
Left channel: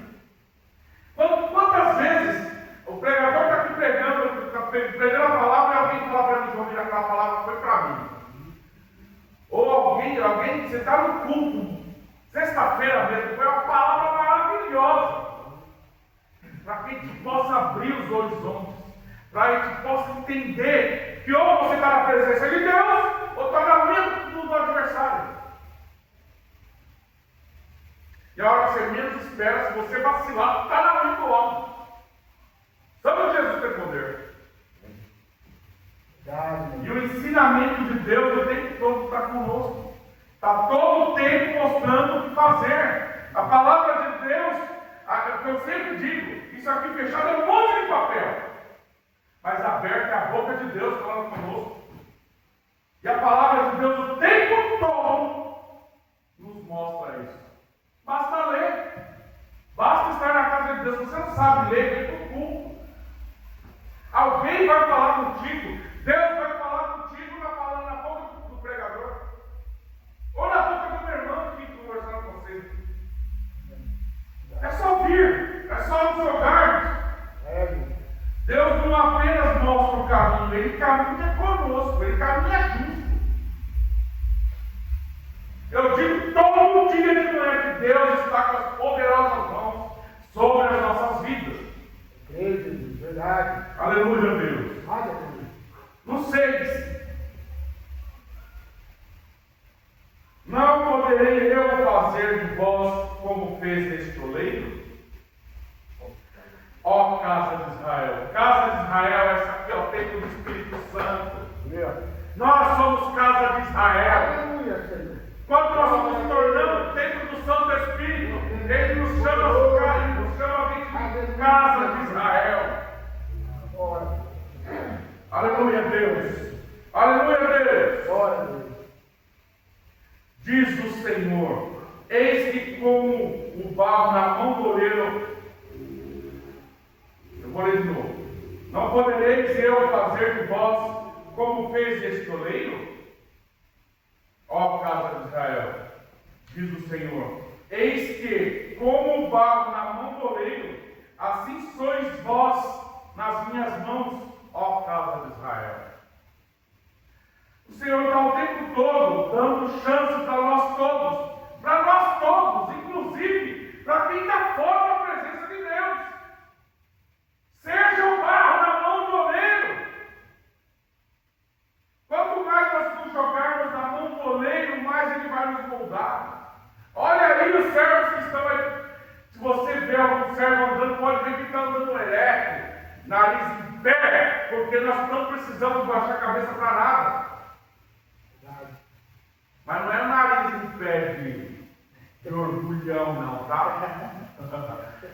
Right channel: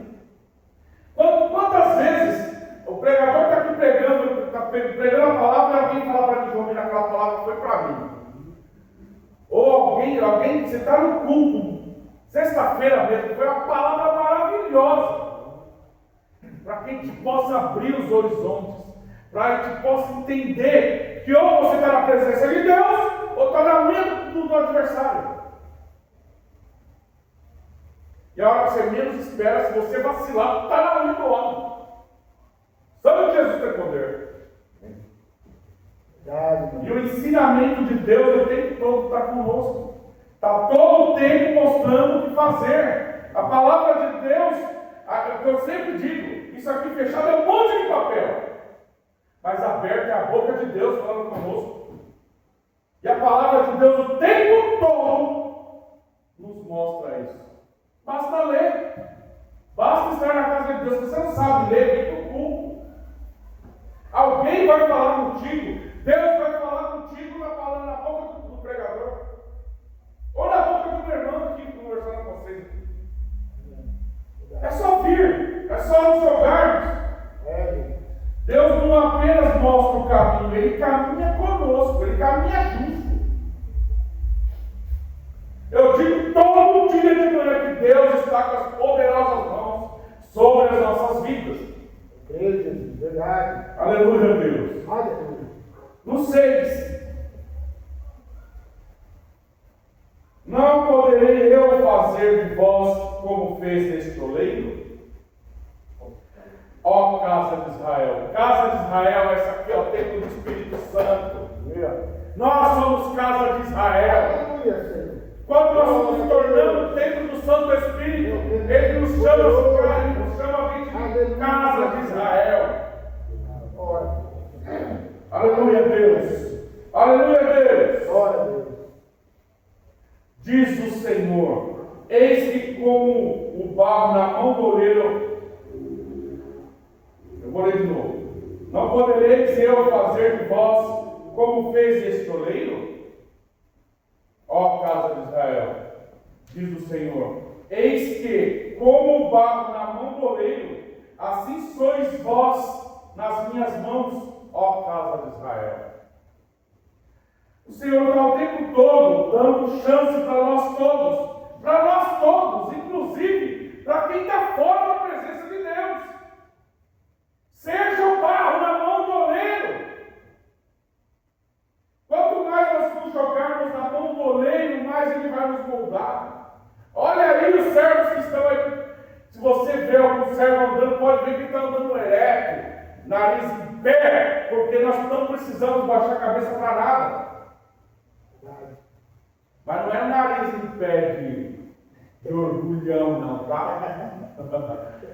Quantas vezes o pregador está aqui pregando a palavra e alguém fala para mim, João, aquela palavra foi para mim. Ou alguém, você está no culto, sexta-feira mesmo, foi uma palavra maravilhosa. Para que a gente possa abrir os horizontes, para que a gente possa entender que ou você está na presença de Deus, ou está na mente do adversário. E a hora que você menos espera, se você vacilar, está na mente do homem. Sabe que Jesus tem poder? E o ensinamento de Deus o tempo todo está conosco. Está todo o tempo mostrando o que fazer. A palavra de Deus, eu sempre digo, isso aqui fechado é um monte de papel. Mas aberto é a boca de Deus falando conosco. E a palavra de Deus o tempo todo nos mostra isso. Basta ler. Basta estar na casa de Deus. Se você não sabe ler, vem para o culto. Alguém vai falar contigo. Deus vai falar contigo na boca do pregador. Ou na boca do meu irmão aqui conversando com você. É só vir. É só nos jogarmos. Deus não apenas mostra o caminho, Ele caminha conosco, Ele caminha junto. Eu digo todo dia de manhã que Deus está com as poderosas mãos sobre as nossas vidas. Verdade. Aleluia, Deus. Aleluia. No 6. Não poderei eu fazer de vós como fez deste oleiro? Ó casa de Israel. Casa de Israel, essa aqui é o templo do Espírito Santo. Nós somos casa de Israel. Quando nós nos tornamos o templo do Santo Espírito, Ele nos chama de casa de Israel. Aleluia, Deus. Aleluia, Deus. Diz o Senhor: eis que como o barro na mão do oleiro. Eu vou ler de novo. Não podereis eu fazer de vós como fez este oleiro? Ó casa de Israel, diz o Senhor: eis que, como o barro na mão do oleiro, assim sois vós nas minhas mãos, ó casa de Israel. O Senhor está o tempo todo dando chance para nós todos, inclusive para quem está fora da presença de Deus. Seja o barro na mão do oleiro, vai nos moldar. Olha aí os servos que estão aí. Se você vê algum servo andando, pode ver que está andando ereto, nariz em pé, porque nós não precisamos baixar a cabeça para nada. Mas não é o nariz em pé de orgulhão, não, tá?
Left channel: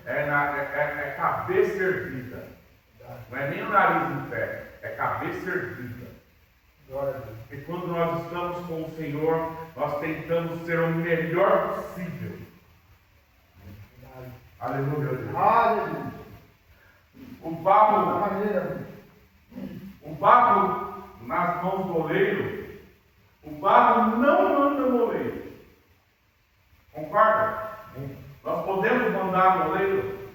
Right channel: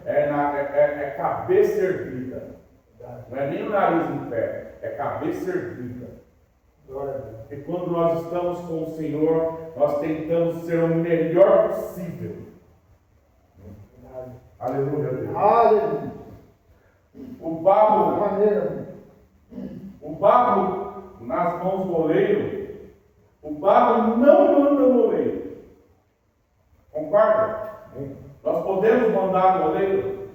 É cabeça erguida. Não é nem o nariz em pé, é cabeça erguida. Porque quando nós estamos com o Senhor, nós tentamos ser o melhor possível. Aleluia, Deus. Aleluia. O barro nas mãos do oleiro, o barro não manda no oleiro. Concorda? Nós podemos mandar no oleiro?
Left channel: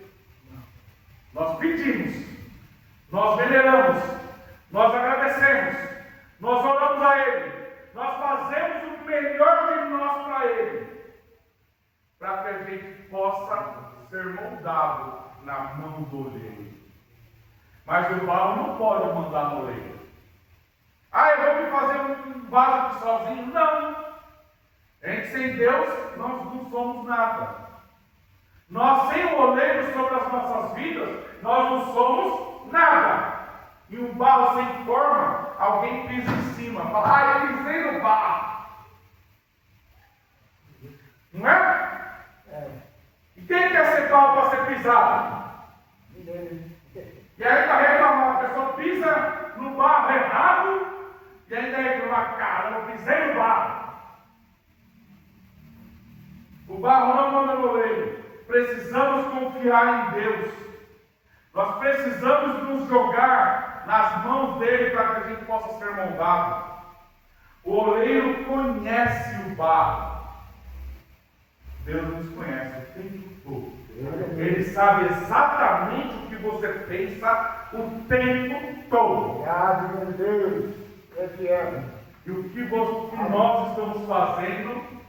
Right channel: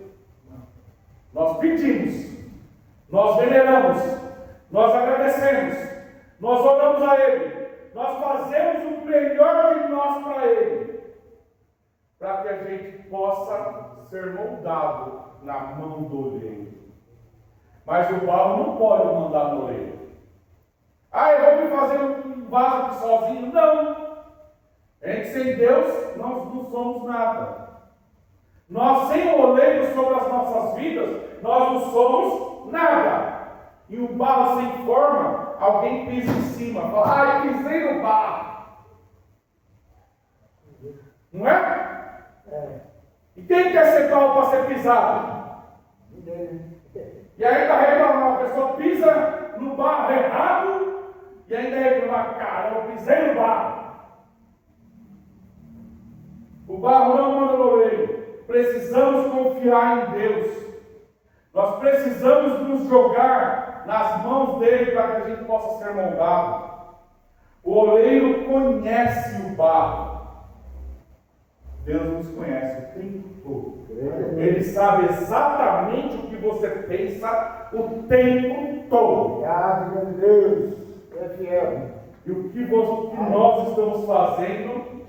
Nós pedimos, nós veneramos, nós agradecemos, nós oramos a Ele, nós fazemos o melhor de nós para Ele, para que a gente possa ser moldado na mão do oleiro. Mas o barro não pode mandar no oleiro. Eu vou me fazer um vaso aqui sozinho. Não! A gente sem Deus, nós não somos nada. Nós sem o oleiro sobre as nossas vidas, nós não somos nada. E o barro sem forma, alguém pisa em cima. Fala, pisei no barro. Não é? E quem quer ser barro para ser pisado? E aí está reclamando, a pessoa pisa no barro errado e ainda reclama, cara, eu pisei no barro. O barro não manda no oleiro. Precisamos confiar em Deus. Nós precisamos nos jogar nas mãos dele para que a gente possa ser moldado. O oleiro conhece o barro. Deus nos conhece o tempo todo. Ele sabe exatamente o que você pensa o tempo todo. Graças a Deus. É fiel. E o que nós estamos fazendo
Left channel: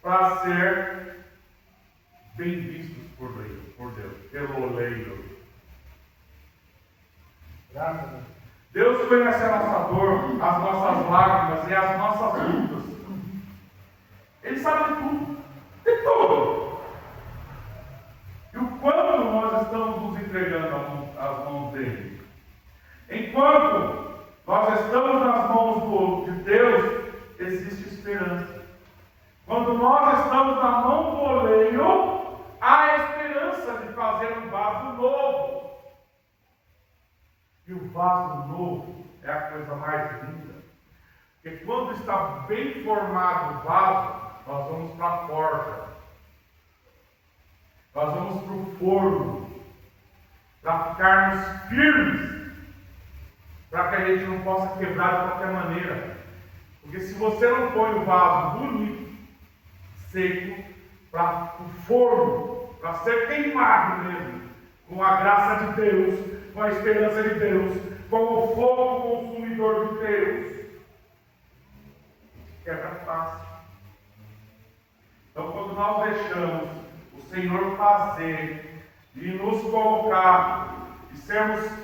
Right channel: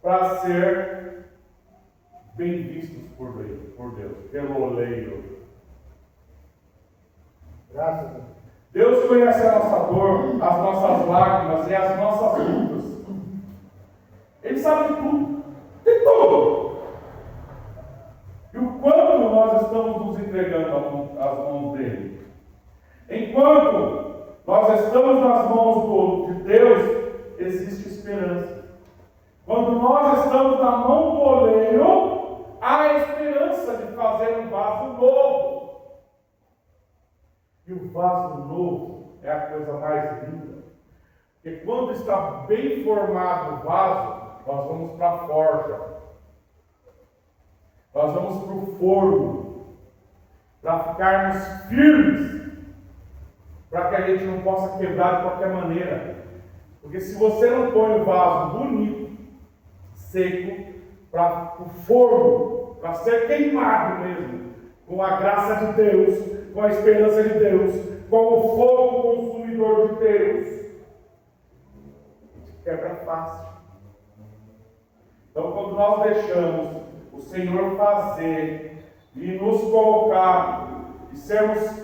para ser bem vistos por Deus, pelo oleiro. Graças a Deus. Deus conhece a nossa dor, as nossas lágrimas e as nossas lutas. Ele sabe de tudo. De tudo. E o quanto nós estamos nos entregando às mãos dele. Enquanto nós estamos nas mãos de Deus, existe esperança. Quando nós estamos na mão do oleiro, há esperança de fazer um vaso novo. E o vaso novo é a coisa mais linda. Porque quando está bem formado o vaso, nós vamos para a forja. Nós vamos para o forno. Para ficarmos firmes. Para que a gente não possa quebrar de qualquer maneira. Porque se você não põe o vaso bonito, seco, para o forno, para ser queimado mesmo, com a graça de Deus, com a esperança de Deus, com o fogo consumidor de Deus, quebra fácil. Então, quando nós deixamos o Senhor fazer e nos colocar e sermos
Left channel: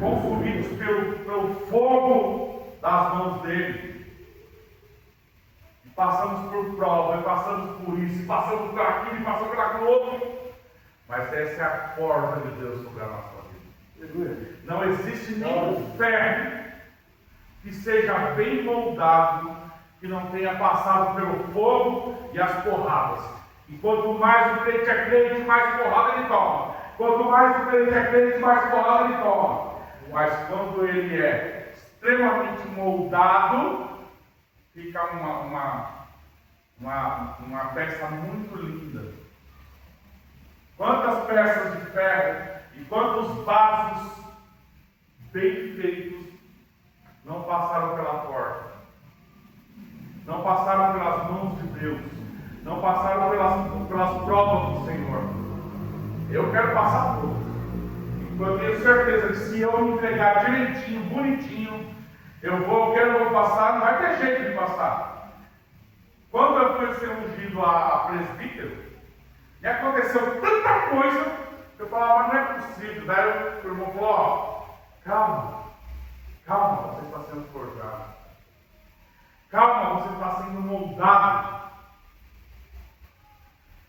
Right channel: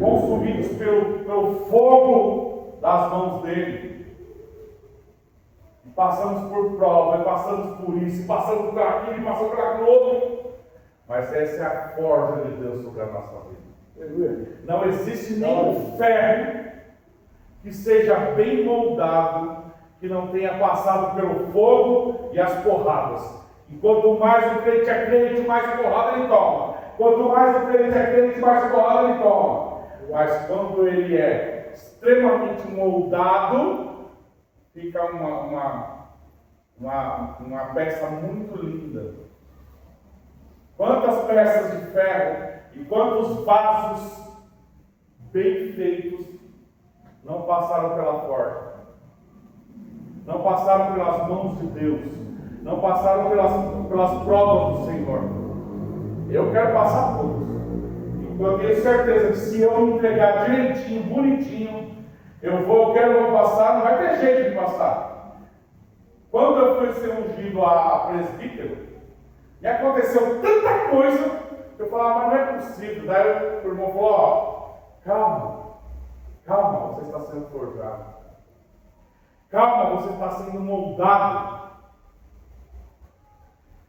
consumidos pelo fogo das mãos dele, e passamos por prova, e passamos por isso, e passamos por aquilo, e passamos por aquilo outro, mas essa é a forja de Deus sobre a nossa vida. Não existe nenhum ferro que seja bem moldado, que não tenha passado pelo fogo e as porradas. E quanto mais o crente é crente, mais porrada ele toma. Quanto mais o crente é crente, mais porrada ele toma. Mas quando ele é extremamente moldado, fica uma peça muito linda. Quantas peças de ferro e quantos vasos bem feitos não passaram pela porta, não passaram pelas mãos de Deus, não passaram pelas provas do Senhor. Eu quero passar todos. Eu tenho certeza que se eu me entregar direitinho, bonitinho, eu quero passar, não vai ter jeito de passar. Quando eu fui ser ungido a presbítero, me aconteceu tanta coisa que eu falava, mas não é possível. Daí o irmão falou, calma, você está sendo forjado. Calma, você está sendo moldado.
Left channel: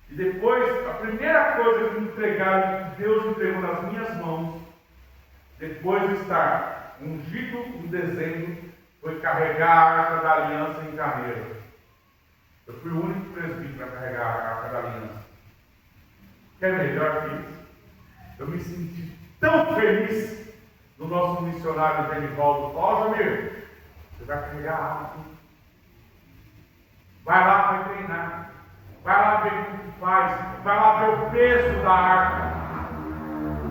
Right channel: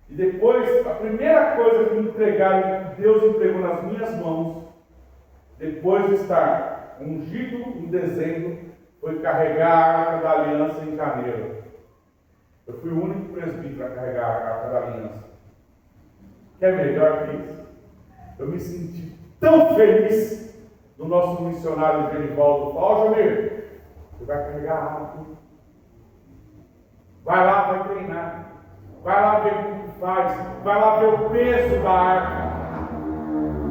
E depois, a primeira coisa que me entregaram, que Deus entregou nas minhas mãos, depois de estar ungido em dezembro, foi carregar a arca da aliança em Carneiro. Eu fui o único presbítero a carregar a arca da aliança. Quer melhor que isso? Eu me senti tão feliz no nosso missionário Genivaldo. Ó, Jamir, você vai carregar a arca. Vai lá, vai treinar. Vai lá ver como que faz. Vai lá ver o peso da arca.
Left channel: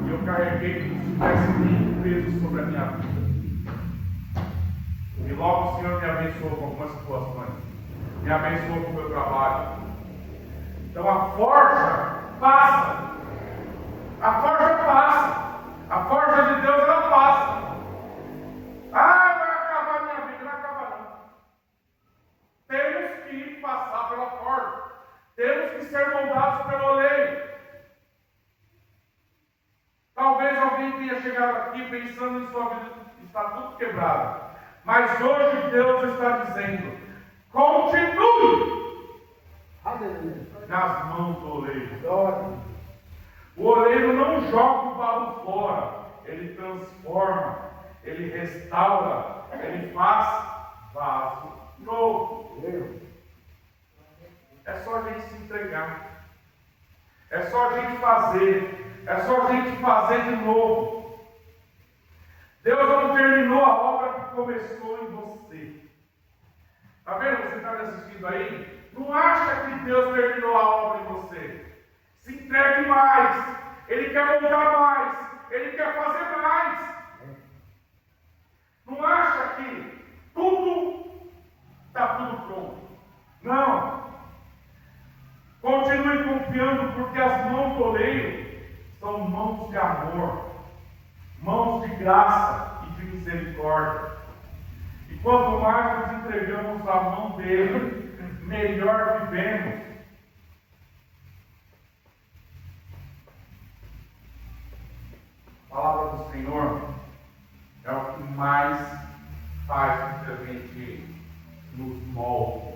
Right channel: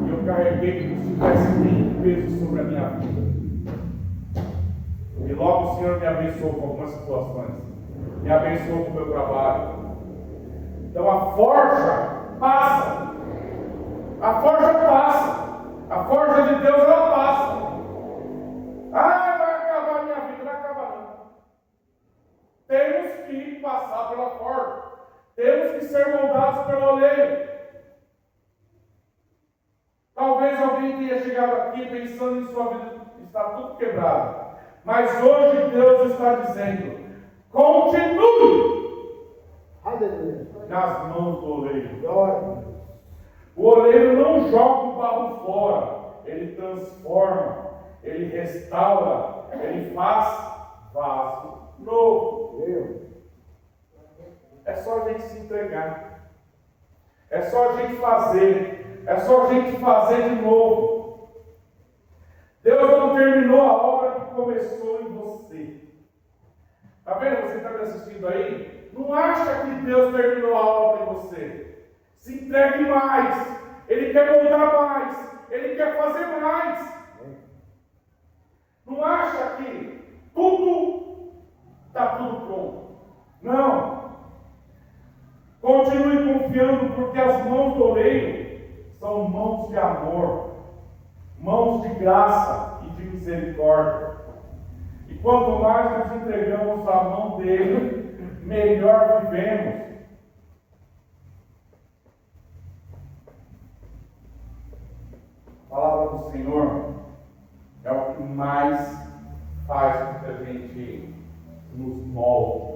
E eu carreguei como se tivesse nenhum peso sobre a minha vida. E logo o Senhor me abençoou com algumas situações. Me abençoou com o meu trabalho. Então a forja passa. A forja passa. A forja de Deus, ela passa. Ah, vai acabar a minha vida. Não acaba não. Temos que passar pela forja. Temos que ser moldados pelo oleiro. Talvez alguém tenha chegado aqui pensando em sua vida está tudo quebrado. Mas hoje Deus está dizendo: continue nas mãos do oleiro. O oleiro não joga o barro fora, ele transforma, ele restaura, ele faz vaso novo. É só a gente se entregar, é só a gente fazer, é só a gente fazer de novo. Deus não terminou a obra que começou em você. Está vendo? Você está me assistindo aí? Não acha que Deus terminou a obra em você. Se entregue mais. Ele quer moldar mais. Ele quer fazer mais. Não acha que está tudo pronto. Não. Continue confiando, porque as mãos do oleiro são mãos de amor, mãos de graça e de misericórdia. E quanto mais nos entregamos à mão dele, melhor vivemos. A palavra do Senhor é o que mais faz com que a gente nos molde.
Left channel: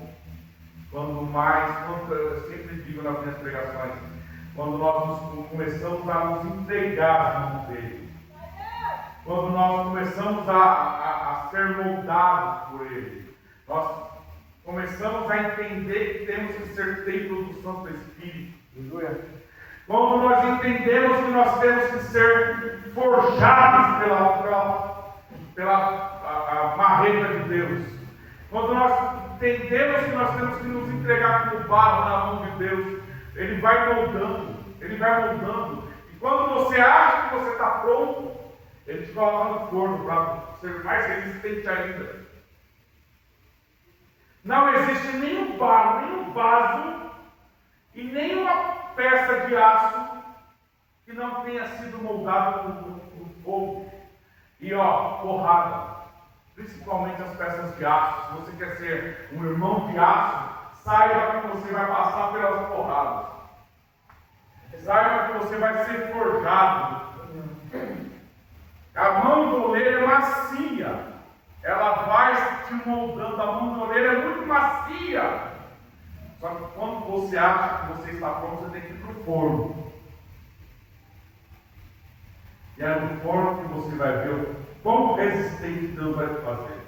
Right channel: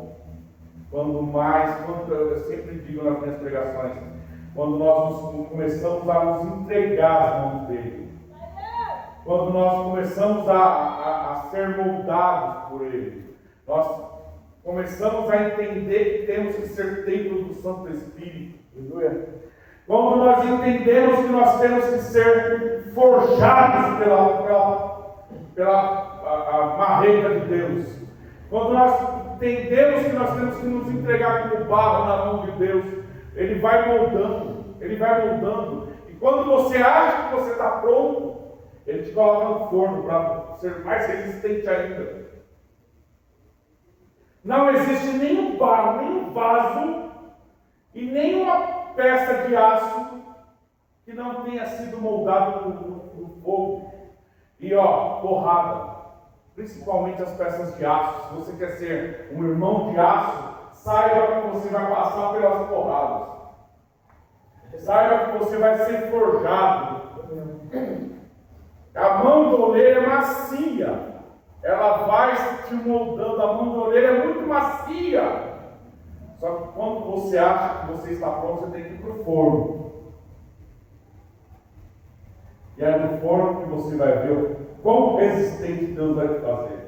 Eu sempre digo nas minhas pregações, quando nós começamos a nos entregar às mãos dele, quando nós começamos a ser moldados por ele, nós começamos a entender que temos que ser templo do Santo Espírito. Aleluia. Quando nós entendemos que nós temos que ser forjados pela marreta de Deus, quando nós entendemos que nós temos que nos entregar como barro na mão de Deus, ele vai moldando, ele vai moldando. E quando você acha que você está pronto, ele te coloca no forno para ser mais resistente ainda. Não existe nenhum barro, nenhum vaso e nenhuma peça de aço que não tenha sido moldado no fogo. E porrada. Principalmente as peças de aço. Se você quer ser um irmão de aço, saiba que você vai passar pelas porradas. Saiba que você vai ser forjado. A mão do oleiro é macia. Ela vai te moldando. A mão do oleiro é muito macia. Só que quando você acha que você está pronto, você tem que ir para o forno. E é no forno que você vai ver o quão resistente Deus vai te fazer.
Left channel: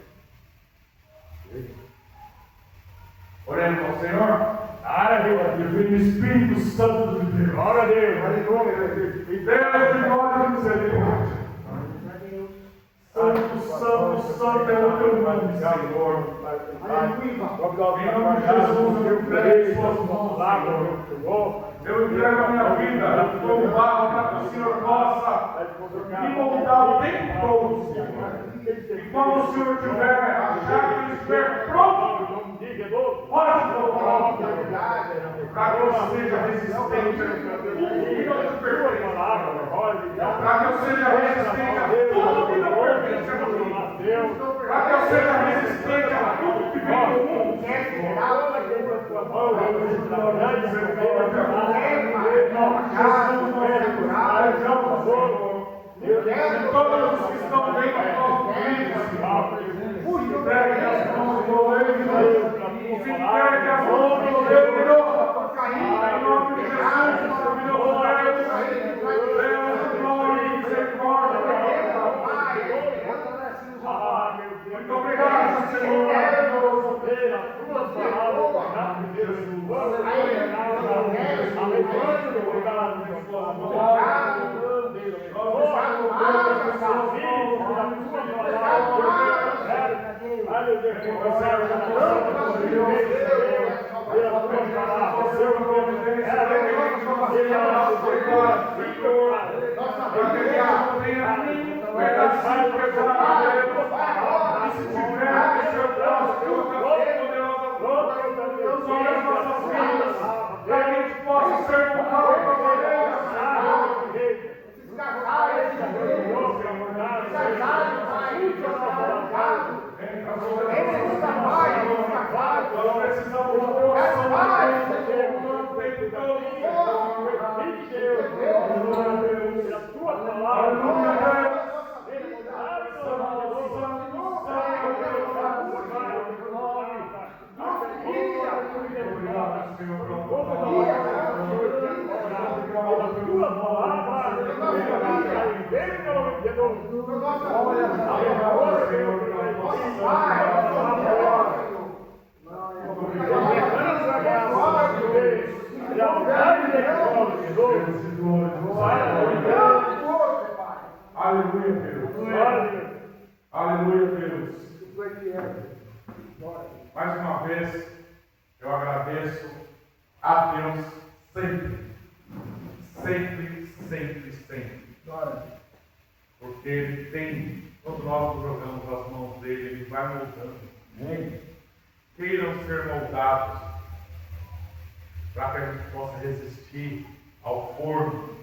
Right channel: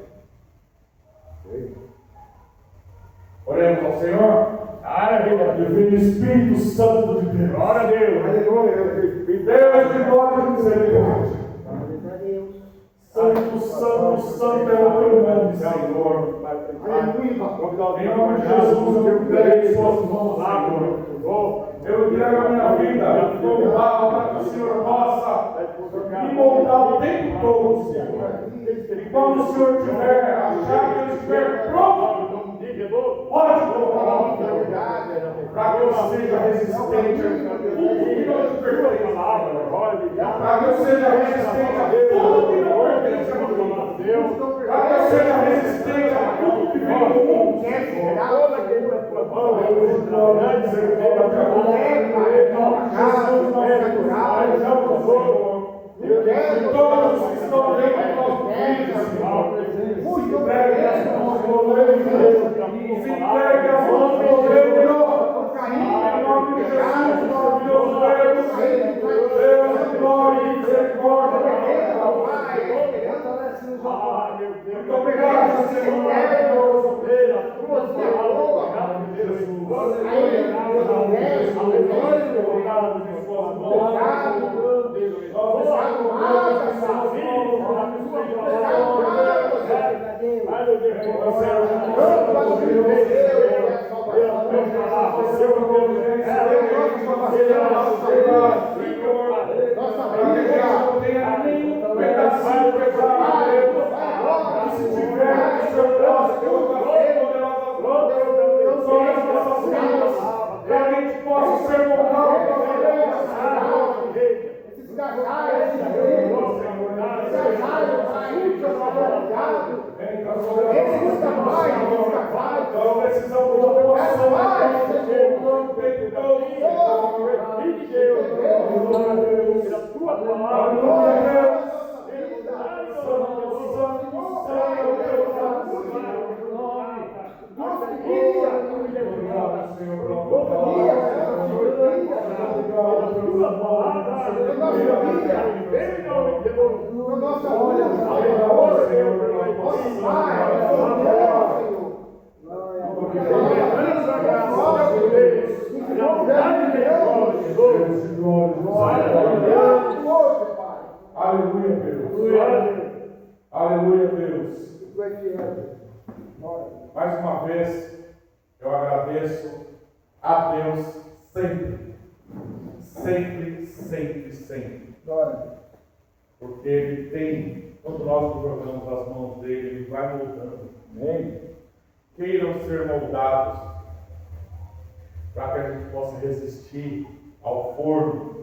Oremos ao Senhor. Aleluia. Espírito Santo de Deus. Glória a Deus. Deus de glória e misericórdia. Santo, santo, santo é o teu nome, Senhor. Em nome de Jesus, eu entreguei suas mãos, Senhor. Eu entrego a minha vida como barro para que o Senhor possa me moldar o tempo todo, Senhor. E quando o Senhor tiver achado que eu estiver pronto, pode colocar para que eu seja resistente a tudo que não te pertence. Para que eu seja resistente a tudo que não pertence a mim. Para que eu seja resistente a tudo que vem do mundo. E todos os que estão dentro do nosso vídeo, entreguem as mãos do oleiro. Aleluia, Deus. Aleluia, Deus. Mais uma vez, eu agradeço a Deus sempre. Sempre, sempre, sempre. Porque Ele tem, quando nós nos jogamos as mãos dele, Ele vai moldando. Queiram ser moldados para que a gente possa resistir ao forno.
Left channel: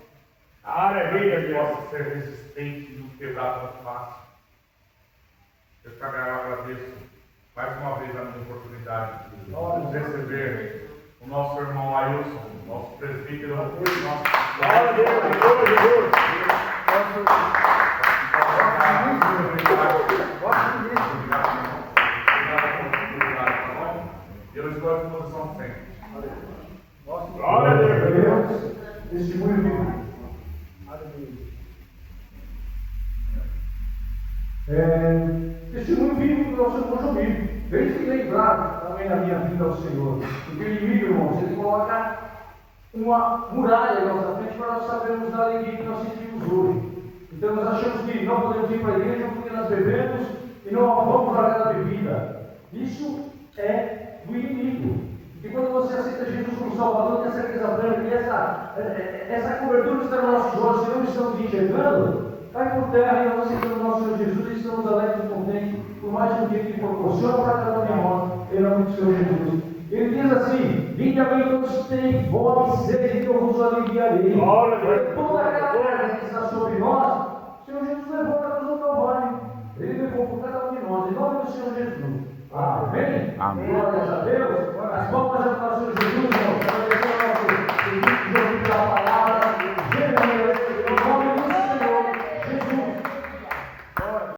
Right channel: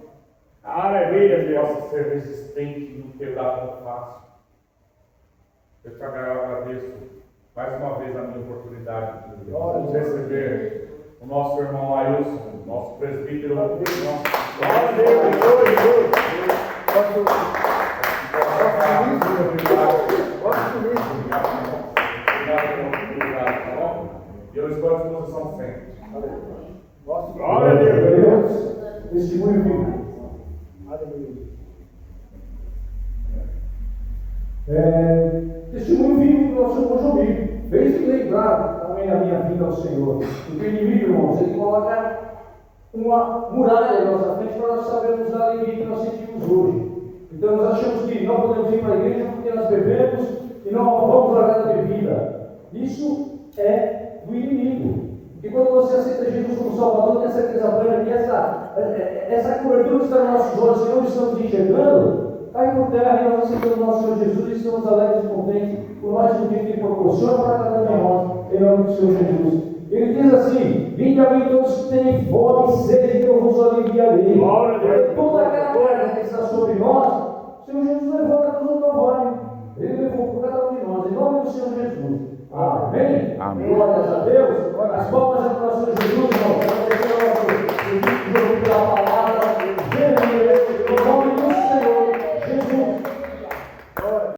Aleluia, que possa ser resistente e não quebrar tão fácil. Eu também agradeço mais uma vez a minha oportunidade de vamos receber o nosso irmão Ailson, nosso presbítero. E eu estou à disposição sempre. Glória a Deus. Testemunho vivo. Testemunho vivo do nosso irmão Jomir. Fez que lembrar também da minha vida ao Senhor. Porque o inimigo, irmãos, ele coloca uma muralha em nossa frente para nós sabermos da alegria que nós sentimos hoje. Então nós achamos que não podemos ir para a igreja porque nós bebemos e não vamos largar da bebida. Isso é do inimigo. E quando você aceita Jesus como Salvador, tem a certeza plena que essa cobertura que está nos nossos olhos, que não estamos enxergando, cai por terra e nós aceitamos o nosso Senhor Jesus e estamos alegres e contentes por mais um dia que Ele proporciona para cada um de nós, em nome do Senhor Jesus. Ele diz assim: vinde a mim todos que têm fome e sede, que eu vos aliviarei. Toda aquela carga que está sobre nós, o Senhor Jesus levou na cruz do Calvário. Ele levou por cada um de nós, em nome do Senhor Jesus. Amém? Amém. Glórias a Deus. As palmas para o Senhor Jesus, irmão.